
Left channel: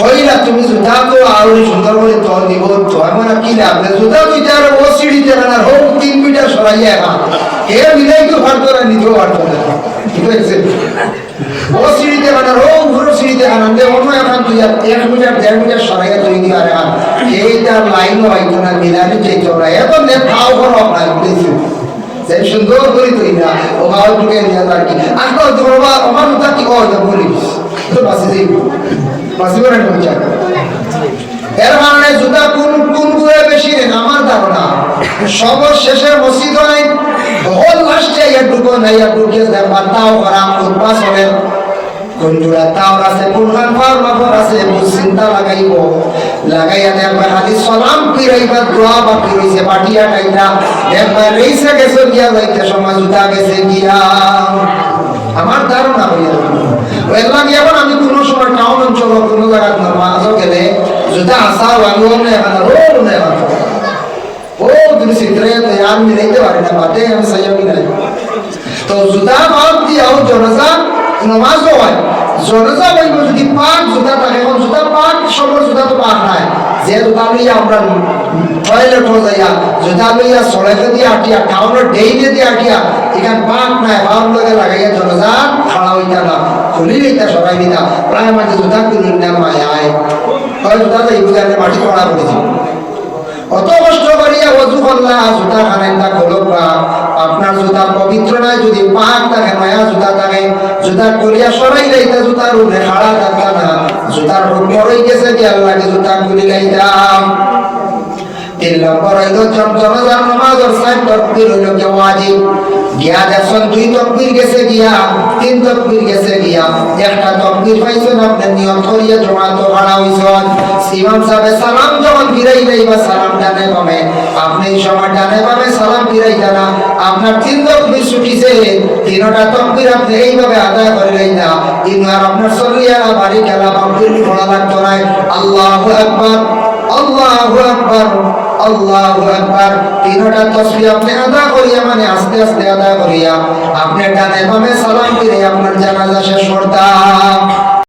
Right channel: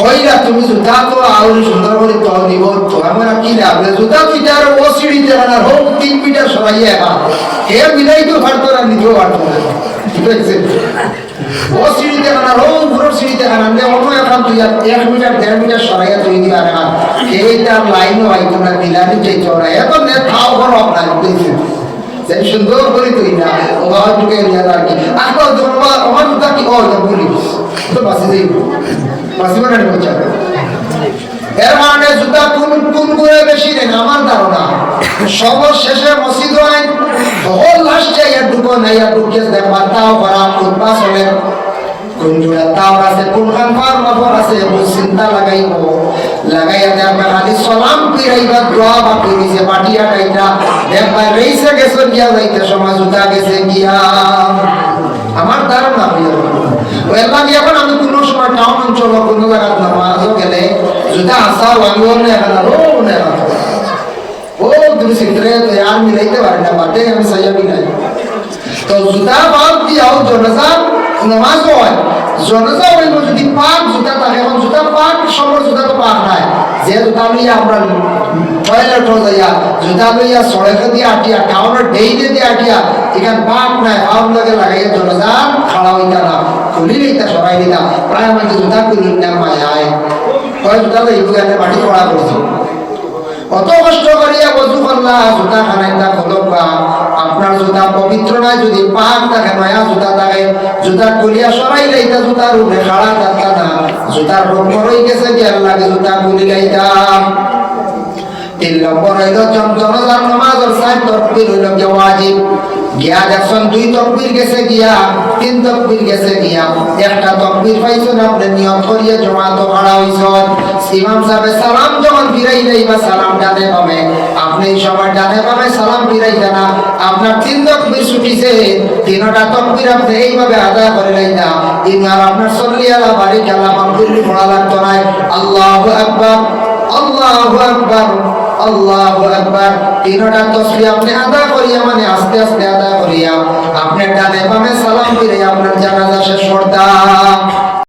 হইরা তুমি জুতা তো আরো সুন্দর করে তল দিব তো আমার কি লাভ জুতা তুই তার ও সিঁড়িতে বানার হোক 3 মিটার সরাইয়া হে মিলাই তো পারতো না নিজেও পারতো না ঠিক আছে ও সিঁড়িতে বানার হোক ঘুরে সিঁড়িতে বানান দে অন্য এখন তুই 1 মিটার 1.5 মিটার সরাইয়া তুই দিবা না হে তার লাইনও আইতো না মিলানি চাইতো না এত নে খাও করো আপনার বুঝেছি সেই সুন্দর করে তুই না ও বাবা ঢুকে নিয়ে আর কি আজকাল তো বাবা আমার জুতা কি হয় তা বলিস তো বাসে যাই বাসি মানে বুঝা এর মানে জুতা কোন করে বেশি রে আমার ধারণা সর্বশেষে মসজিদ হয় হোল লাস্টে ঢুকো না ঢুকে দেখবা তাও হারাম কোন পাস হবে কোন জুড়া তাও আছে কোন খান ফার্মাফোর আছে কোন চিন্তা লাগাইবো লাগাইয়া দেখবা খালি সালাম ফিরাইবা দোয়া বা ফিরিছে পাটিয়া টাইটা দেখবা রেইসা গেছে গিয়া যাইতে সময় জুতা গেছে গিয়া আমার ধারণা হইয়া ওই লাগে এখন আমি কোনো সময় টাউন অঞ্চল কোনো জায়গা নামাজও গেলে জুতা আসাও আমিও না এখন রোড না ও তুমি সিদ্ধরে তৈয়ার মিলাইতে পারি না বাটে আমি সাইয়াবি নাই তো জুতা বাদ দিয়াও জনজা নামাজ হয় জনজা হইল যদি পাক জুতা থাকে এখন জুতা পাক সবার জুতা তো পাক নাই যে জুতা লইয়া আমরা টয়লেট হয়ে যাইয়া জুতা লইয়া সড়কে দিয়ে আটিয়া টাউনের ডেইলে দিয়ে আটিয়া এখানে পাক নাই হাওয়ার লগে লাগাইয়া জনজা খাড়া হইতা না খুলি লইতা সরাই দিতা প্রায় মাঝে জুতা কিনি না মায়ায় হয় জুতা তো এইগুলো মাটি পড়া করেছে কত কষ্ট করিয়া ওযু করলা জুতা খানাইতা খোলবা আপনার জুতা পবিত্র নয় যদি পাক থাকে নয়া জুতা থাকে জুতা করিয়া সরাই লাইতা জুতার উপরে খাড়া থাকতা না জুতার হুকুম হয়ে গেছে যে আল্লাহকে জুতা খুলি লাইতাম 3 নম্বর হইল জনজান নামাজের 7 তাকবীর হইল ওয়াজিব গিয়া দেখছেন 2 তাকবীর গেছে গিয়া 3 তাকবীর গেছে গিয়া একটা তাকবীর পাইছেন আপনি নিয়ত করিয়া জমাত খাড়া হইছেন ইমাম সাহেব সালাম যখন ফিরাই দেইবা সালাম ডানে বামে আপনি এই সময় ডানে বামে সালাম ফিরাইতা না আপনার 3 তাকবীর ছুটিছে 3টা তাকবীর আপনি এইভাবে আদায় করে লইতা ইমাম আপনার সাল্লিয়ালা বাড়ি খেলা মাকবুল পড়া লাগতো না আল্লাহু আকবার আল্লাহু আকবার আল্লাহু আকবার 3টা তাসবিহ আপনি আদা করিয়া মানে আস্তে আস্তে আদা করিয়া আপনি ডানে বামে সালাম ফিরে আপনার জানাজা শেষ করতা